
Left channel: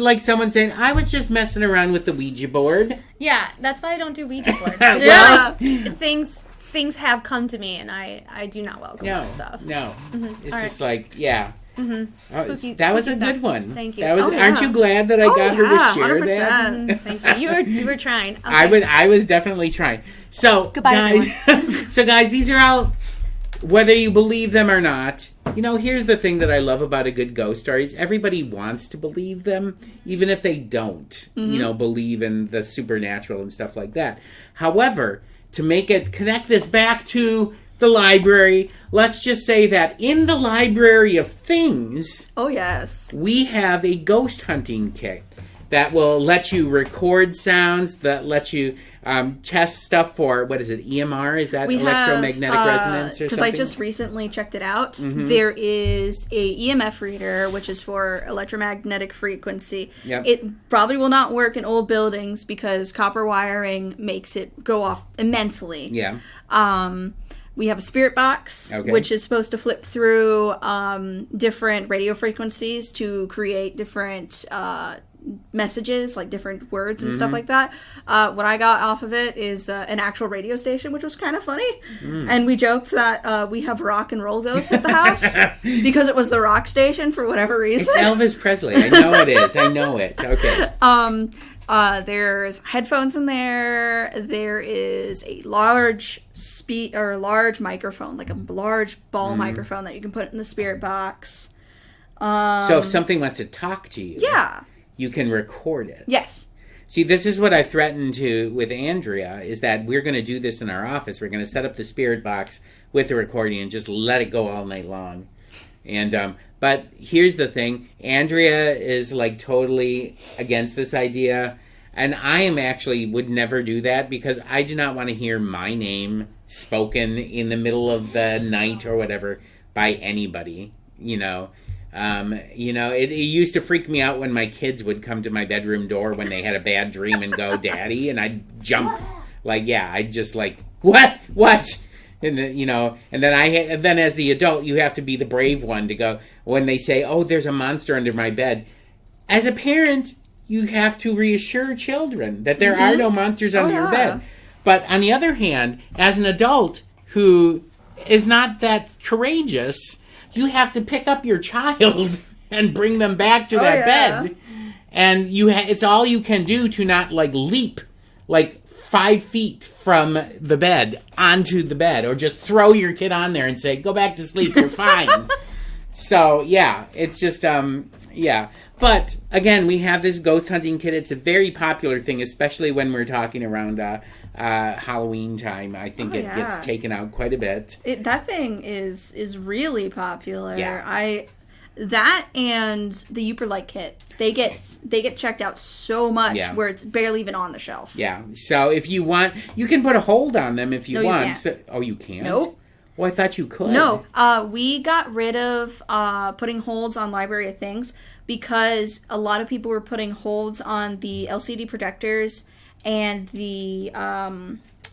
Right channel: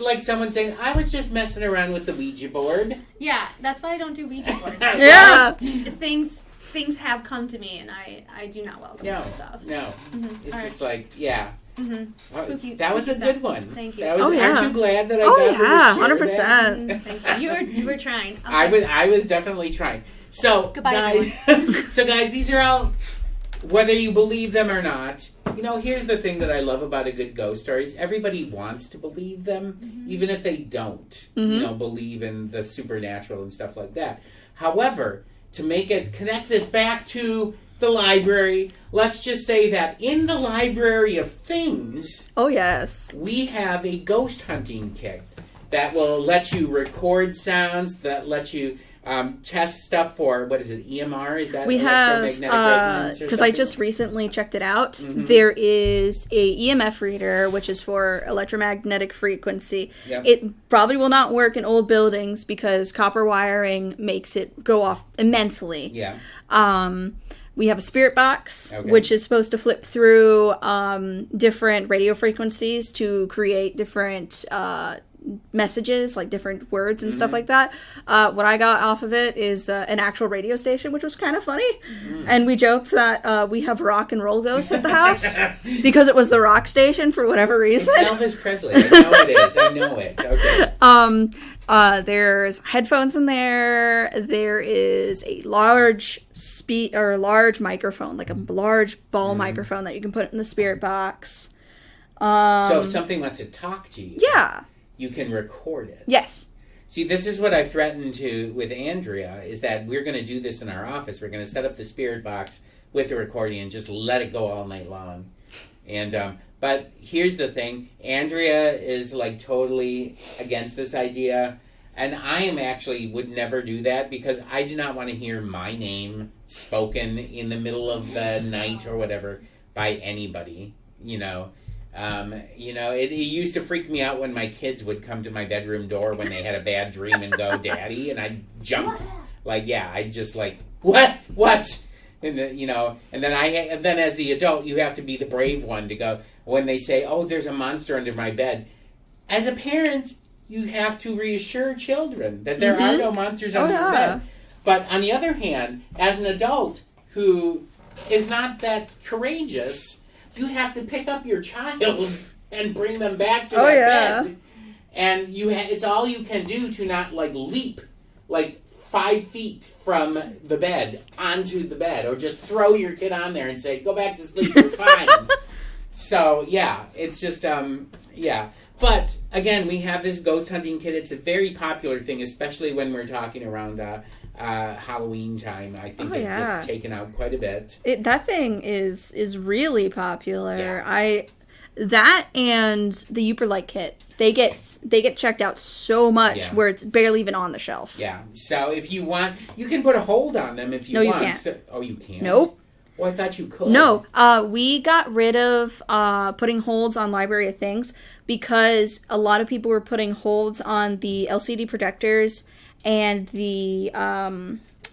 like someone saying, I was just messing around with the Ouija board. Yeah, that's why I don't do Ouija boards. Yeah. Things have come to me, and I do not welcome that stuff. No. Mm-hmm. It's just like, yeah. Mm-hmm. Spooky. That was a stuff. good one. Thank you. Aren't you glad that I got her to share 100%. that? Thanks. You were trying. Okay. I was definitely trying. So goodbye, everyone. So guys, these are all, whether you believe them or not. You know, here's the thing that I love about a good ghost story is everybody wants to believe them, even if they don't. You know, believe in the supernatural and stuff like that. However, to connect this back to the library, let's just say that in the library of things, Oh, yes. we have a ghost hunting kit that will let you record sounds, that let you test stuff for, what is it, EMR? Is that We have, electromagnetic resonance or because I something? just recently checked it out, there is a EMF reader, which is for electromagnetic frequency. Yep. It probably will not work in old buildings because copper wiring makes it go off immensely. Yeah. We have a spirit box, Okay. which is supposed to flip through different radio frequencies to create different messages, like different words and stuff like that. What I got off of it is an actual radio station, which was kind of funny. And we joked that we have rock and roll ghosts at the house because it was the rock station for whatever reason. It's Elvis Presley. I know it is. I know it. Okay. There's headphones in there. There is a large large microphone, like a large ball microphone that you can put in the spirit box. So if something wants to talk to you, Yeah. you can record it. Yes. See, this is what I threatened to with Andrea, is that we're going to do this in our office. We're going to set up the spirit box with the recording and just let it go all night long. And but here's the thing. Andrea is like totally against this idea. And I am actually would never do that because I do not want to hear my name spoken in the middle of the night or whatever by anybody, you know. It used to freak me out when my kids would come to my bedroom door when they had a bad dream and go, "Daddy," and I'd jump, I'd just like, what, and then as the adult, you have to be the brave one to go when they say, "Oh, there's a monster under my bed." As a parent, you have to reassure children that there are no monsters under your bed. But on the other hand, as an adult who is not that courageous, you have to pick up your child and bring them back to that bed. And it's all you can do to not, leap, 5 feet from the bed onto the bed. Or just throw your kid on there and say, "Go back to sleep, you're fine." So, yeah, it's just, But, again, we have this ghost hunting kit. It's a very popular thing, especially when we're talking around Halloween time. I think it gets taken out quite a bit. That thing is really popular. Yeah. That and the Uperlight kit. They get checked out so much where it's barely even on the shelf. Yeah. So if you want, you can put a hold on them if you want. No, you can't. You can't? Nope. Well, I thought you could. No, we got rid of putting holds on Library of Things because a lot of people were putting holds on the LCD projectors and the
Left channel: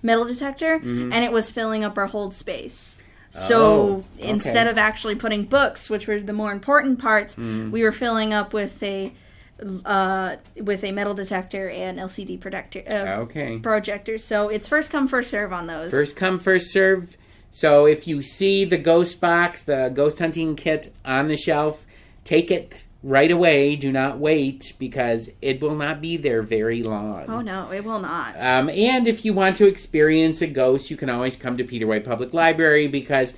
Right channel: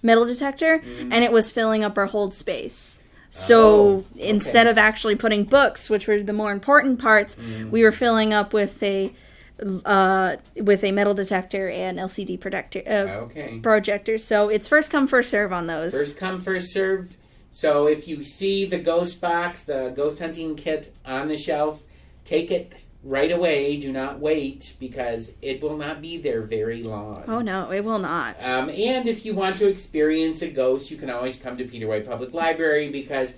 metal detector, and it was filling up our hold space. So instead of actually putting books, which were the more important parts, we were filling up with a metal detector and LCD projector. So it's first come, first serve on those. First come, first serve. So if you see the ghost box, the ghost hunting kit on the shelf, take it right away. Do not wait because it will not be there very long. Oh no, it will not. And if you want to experience a ghost, you can always come to Peter White Public Library because,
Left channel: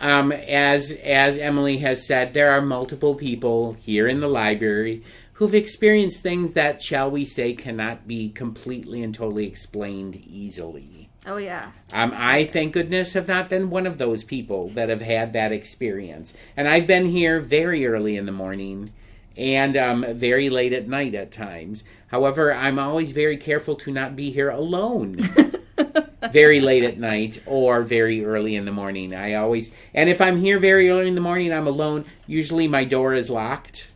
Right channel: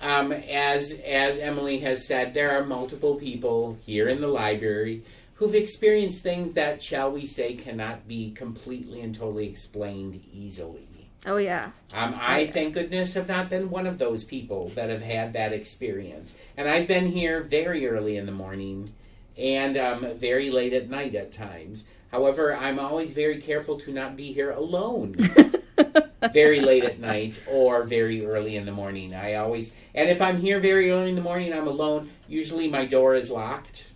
as Emily has said, there are multiple people here in the library who've experienced things that, shall we say, cannot be completely and totally explained easily. Oh, yeah. I, thank goodness, have not been one of those people that have had that experience. And I've been here very early in the morning and very late at night at times. However, I'm always very careful to not be here alone very late at night or very early in the morning. And if I'm here very early in the morning, I'm alone. Usually my door is locked.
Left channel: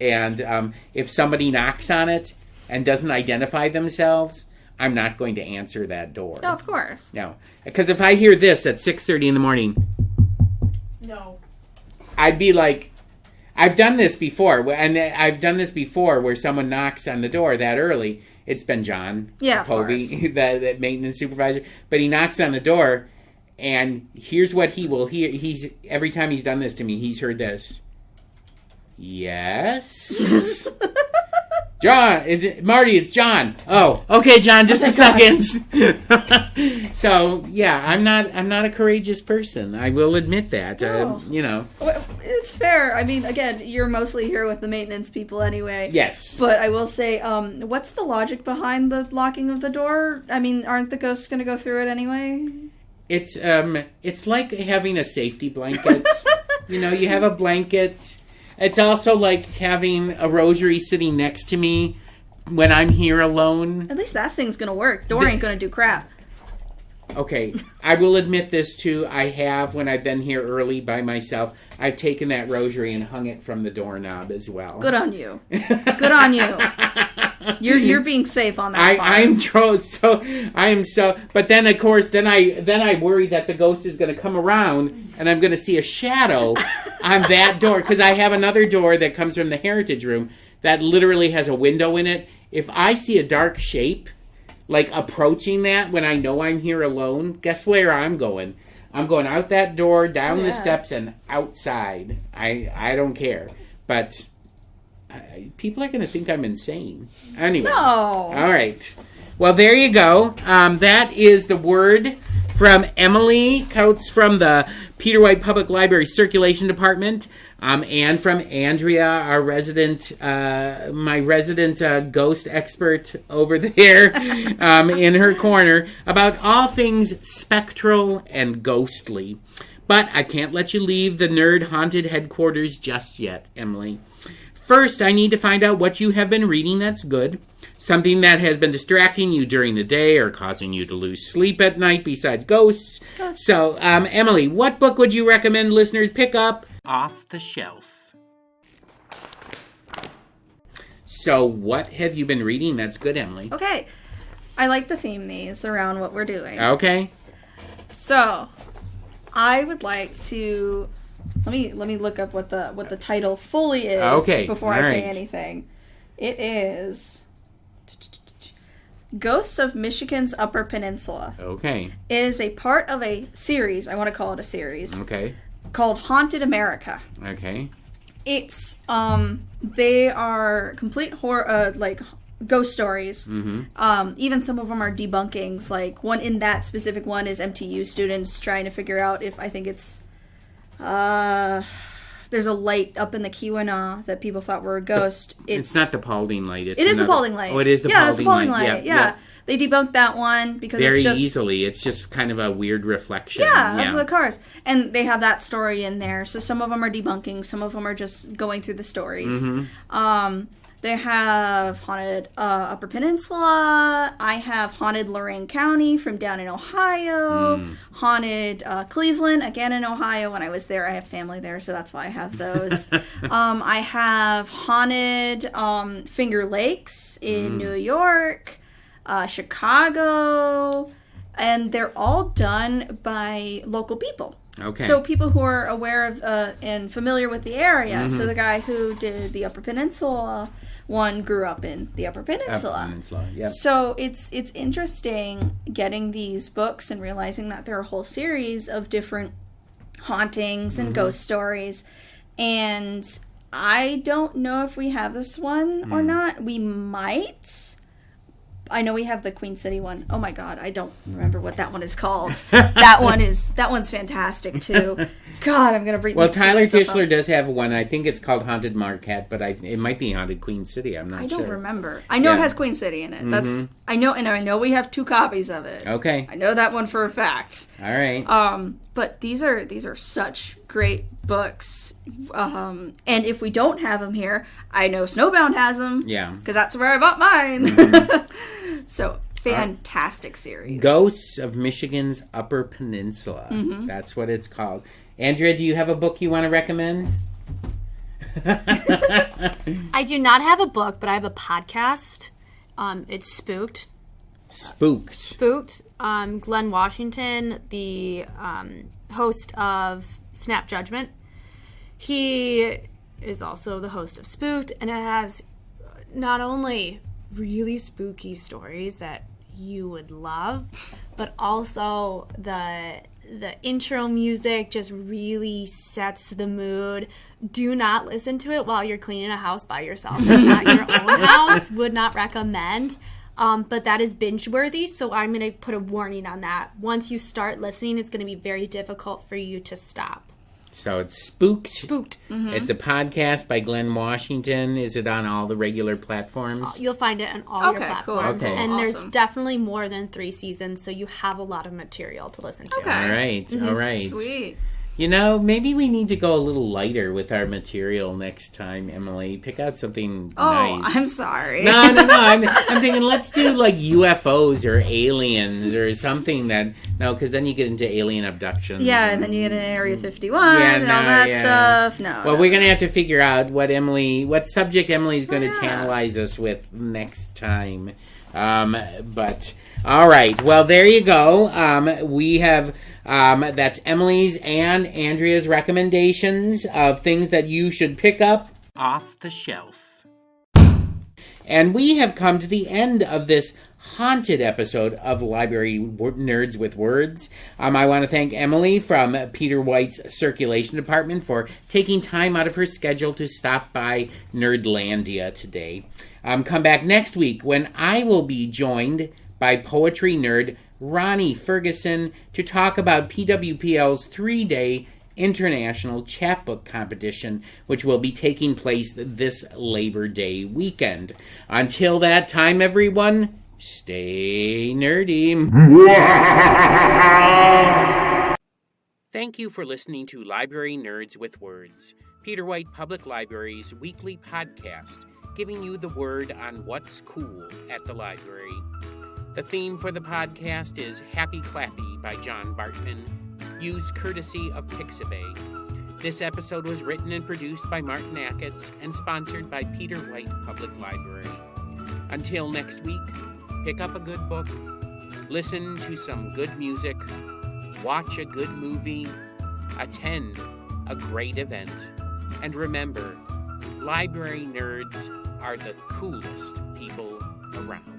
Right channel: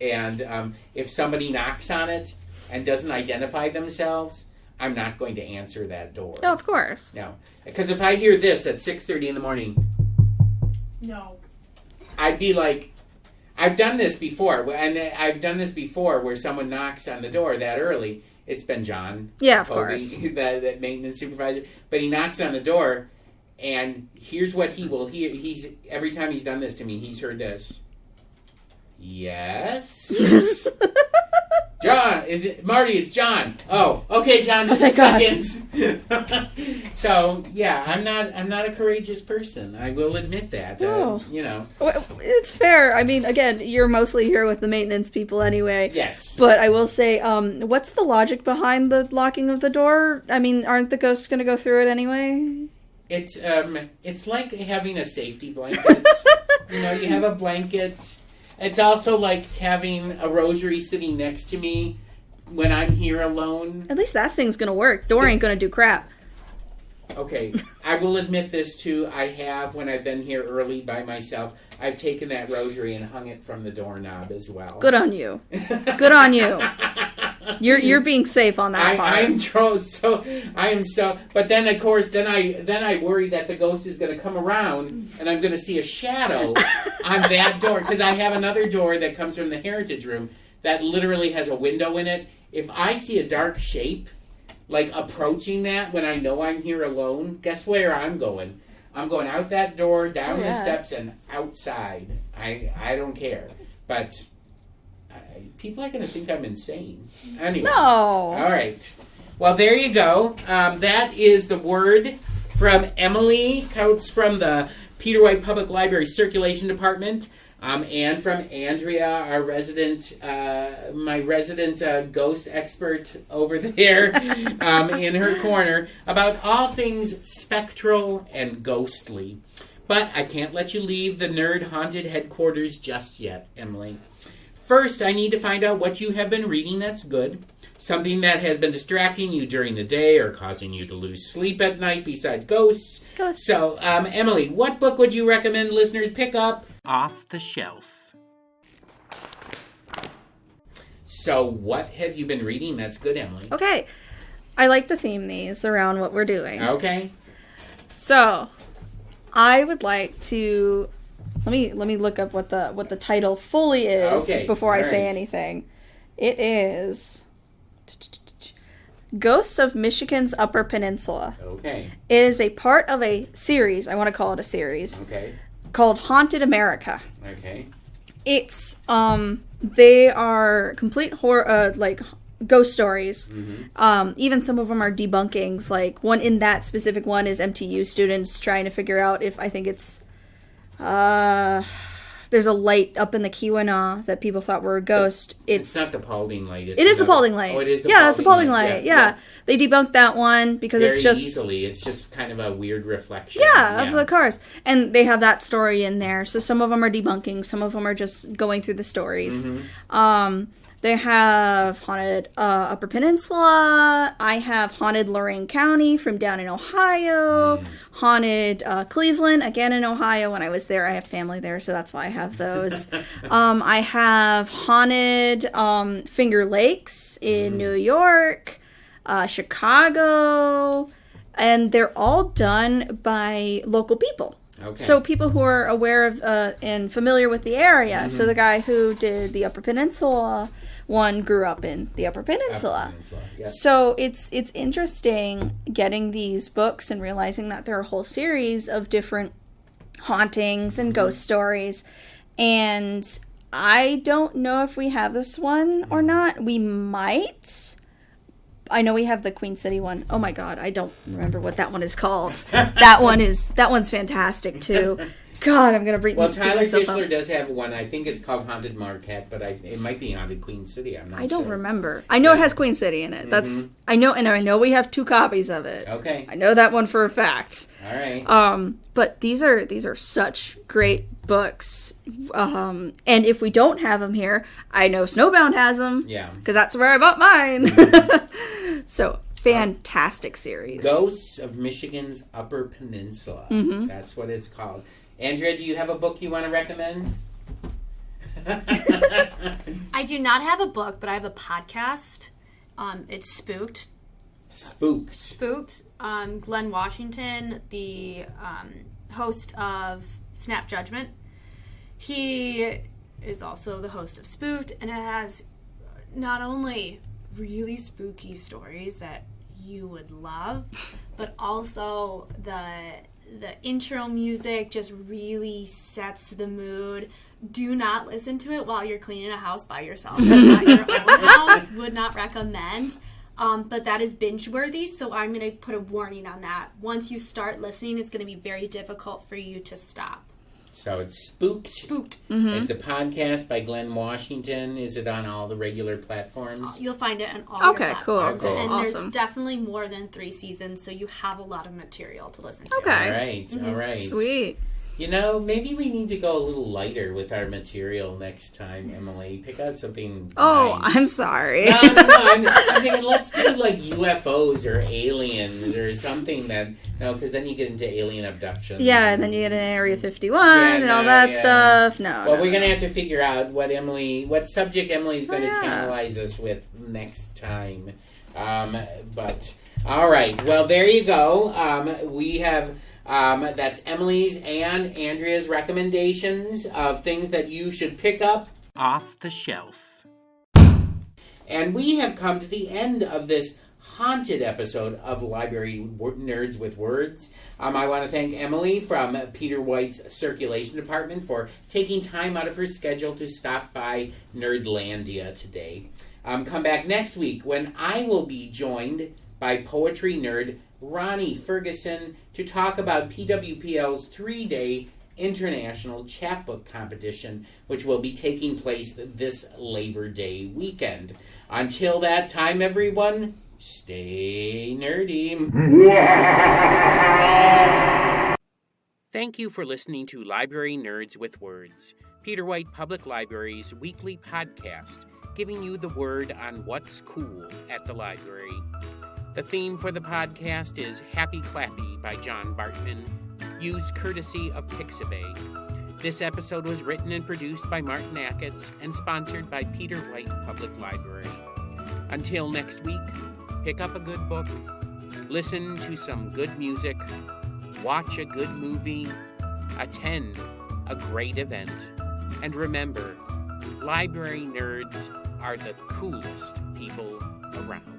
And if somebody knocks on it and doesn't identify themselves, I'm not going to answer that door. Oh, of course. No. Because if I hear this at 6:30 in the morning... No. I'd be like... I've done this before. And I've done this before where someone knocks on the door that early. It's been John. Yeah, of Kobe, course. the maintenance supervisor. But he knocks on the door, and here's what he will hear. Every time he's done this to me, he's heard this. Yes? John, Marty, it's John. Oh, okay, John, just a second. So yeah, I'm not a courageous person. I will admit that. No. You know. Well, it's fair. I mean, again, you're mostly here with the maintenance people anyway. Yes. But I will say, what's the logic behind the locking of the door? I mean, aren't the ghosts going to go through it anyway? It's like having a safety blanket. You know, you have a blanket. It's also like having a rosary sitting next to me when I'm here alone. At least that thing's going to work. Door ain't going to do crap. Okay, I will admit this too. I have, when I've been here early by myself, I've taken that rosary and hung it from the doorknob as well. Good on you. Good on you. You're being safe on that part. I am so. But then of course, then I worry that the ghost is going to come around and I'm going to see a shadow on that door, because I have another door that comes from the heritage room that literally has a window in it. If I see a dark shape, like approaching that when I know I'm here alone, guess where I'm going? I'm going out that door, down the steps, and outside. I don't care. But people are going to think I'm insane. Anyway. No. All right. Well, there you go. That is the word from Emily Couts from the Peter White Public Library Circulation Department. And from Andrea, our my resident ghost expert over there in her corner, about all things spectral and ghostly. But I can't let you leave the Nerd Haunted headquarters just yet, Emily. First, I need to find out what you have been reading that's good. Something that has been distracting you during the day or causing you to lose sleep at night besides ghosts. So, Emily, what book would you recommend listeners pick up off the shelf? So, what have you been reading that's good, Emily? Okay. I like to theme these around what we're doing. Okay. So, I would like to let me look up what the title fully is before I say anything. It is Ghosts of Michigan's Upper Peninsula. Okay. It is a part of a series. I want to call it a series. Okay. Called Haunted America. Okay. It's they are complete horror, like ghost stories. Mm-hmm. Even some of them are debunkings. Like one in that specific one is MTU students trying to figure out if I think it's there's a light up in the Keweenaw that people thought were a ghost. It's not the Paulding light. It is the Paulding light. Oh, it is the Paulding it's the Paulding light. Yeah. They debunked that one because very it's just easily. It's just kind of a weird reflection. Yeah, of the cars. And they have that story in there. So some of them are debunking. Some of them are just going through the stories. Mm-hmm. They have Haunted Upper Peninsula. I have Haunted Lorain County from down in Ohio. Haunted Cleveland, again in Ohio. When I was there, I have family there, so that's why I have those. I have Haunted Finger Lakes in New York, Chicago, and they're all done by local people. Okay. So people who are aware of and familiar with the area. So the guy who did the Upper Peninsula one grew up in the Upper Peninsula. Yep. So it's interesting getting these books and realizing that there are a whole series of different hauntings and ghost stories. And I don't know if we have this one or not. We might. I know we have the Queen City one. Oh my god, I don't remember what that one is called. that one's fantastic too. God, I'm gonna bring. Well, Tyler Fischler does have one. I think it's called Haunted Marquette, but it might be Haunted Queen City. I'm not sure. I don't remember. I know it has Queen City in it. That's I know, and I know we have 2 copies of it. Okay. I know that one for a fact. All right. But these are such great books. And if we don't have them here, I know Snowbound has them. Yeah. Because that's where I bought mine. So fantastic series. Ghosts of Michigan's Upper Peninsula. That's what it's called. Andrea, do you have a book you want to recommend? I do not have a book, but I have a podcast. It's Spooked. Spooked. Glynn Washington, the host of Snap Judgment. He is also the host of Spooked, and it has not only really spooky stories that you would love, but also the intro music just really sets the mood. Do not listen to it while you're cleaning a house by yourself. It's not your own house. Would not recommend. but that is binge worthy, so I'm going to put a warning on that. Once you start listening, it's going to be very difficult for you to stop. So it's Spooked. Spooked. It's a podcast by Glynn Washington. Is it on all the regular platforms? You'll find it on all Okay, your cool. platforms. Okay. And Awesome. there's definitely more than 3 seasons, so you have a lot of material to listen to. Okay. All right, all right. Sweet. You know, maybe we need to go a little lighter with our material next time, Emily. Pick out something Oh, nice. I'm sorry. No. I'm thinking let's do like UFOs or aliens or something that... No, because then you get into alien abductions. Yeah, and then you get an Area 51 and all that stuff. No. Well, no, we're going to no. have to figure out what subject Emily's going to Yeah. tantalize us with next time. But, all right. Well, there you go. We have... that's Emily's and Andrea's recommendations of things that you should pick up off the shelf. And we have come to the end of this haunted episode of Library Nerds with Words. I want to thank Emily from Peter White's Circulation Department for taking time out of her schedule to stop by Nerdlandia today. Come back next week when I will be joined by poetry nerd Ronnie Ferguson to talk about PWPL's 3-day international chapbook competition, which will be taking place this Labor Day weekend. Until that time, everyone, stay nerdy. Thank you for listening to Library Nerds with Words, Peter White Public Library's weekly podcast, giving you the word on what's cool at the library. The theme for the podcast is Happy Clappy by John Bartman, used courtesy of Pixabay. This episode was written and produced by Martin Ackitts and sponsored by Peter White Public Library. Until next week, pick up a good book, listen to some good music, watch a good movie, attend a great event, and remember, library nerds are the coolest people around.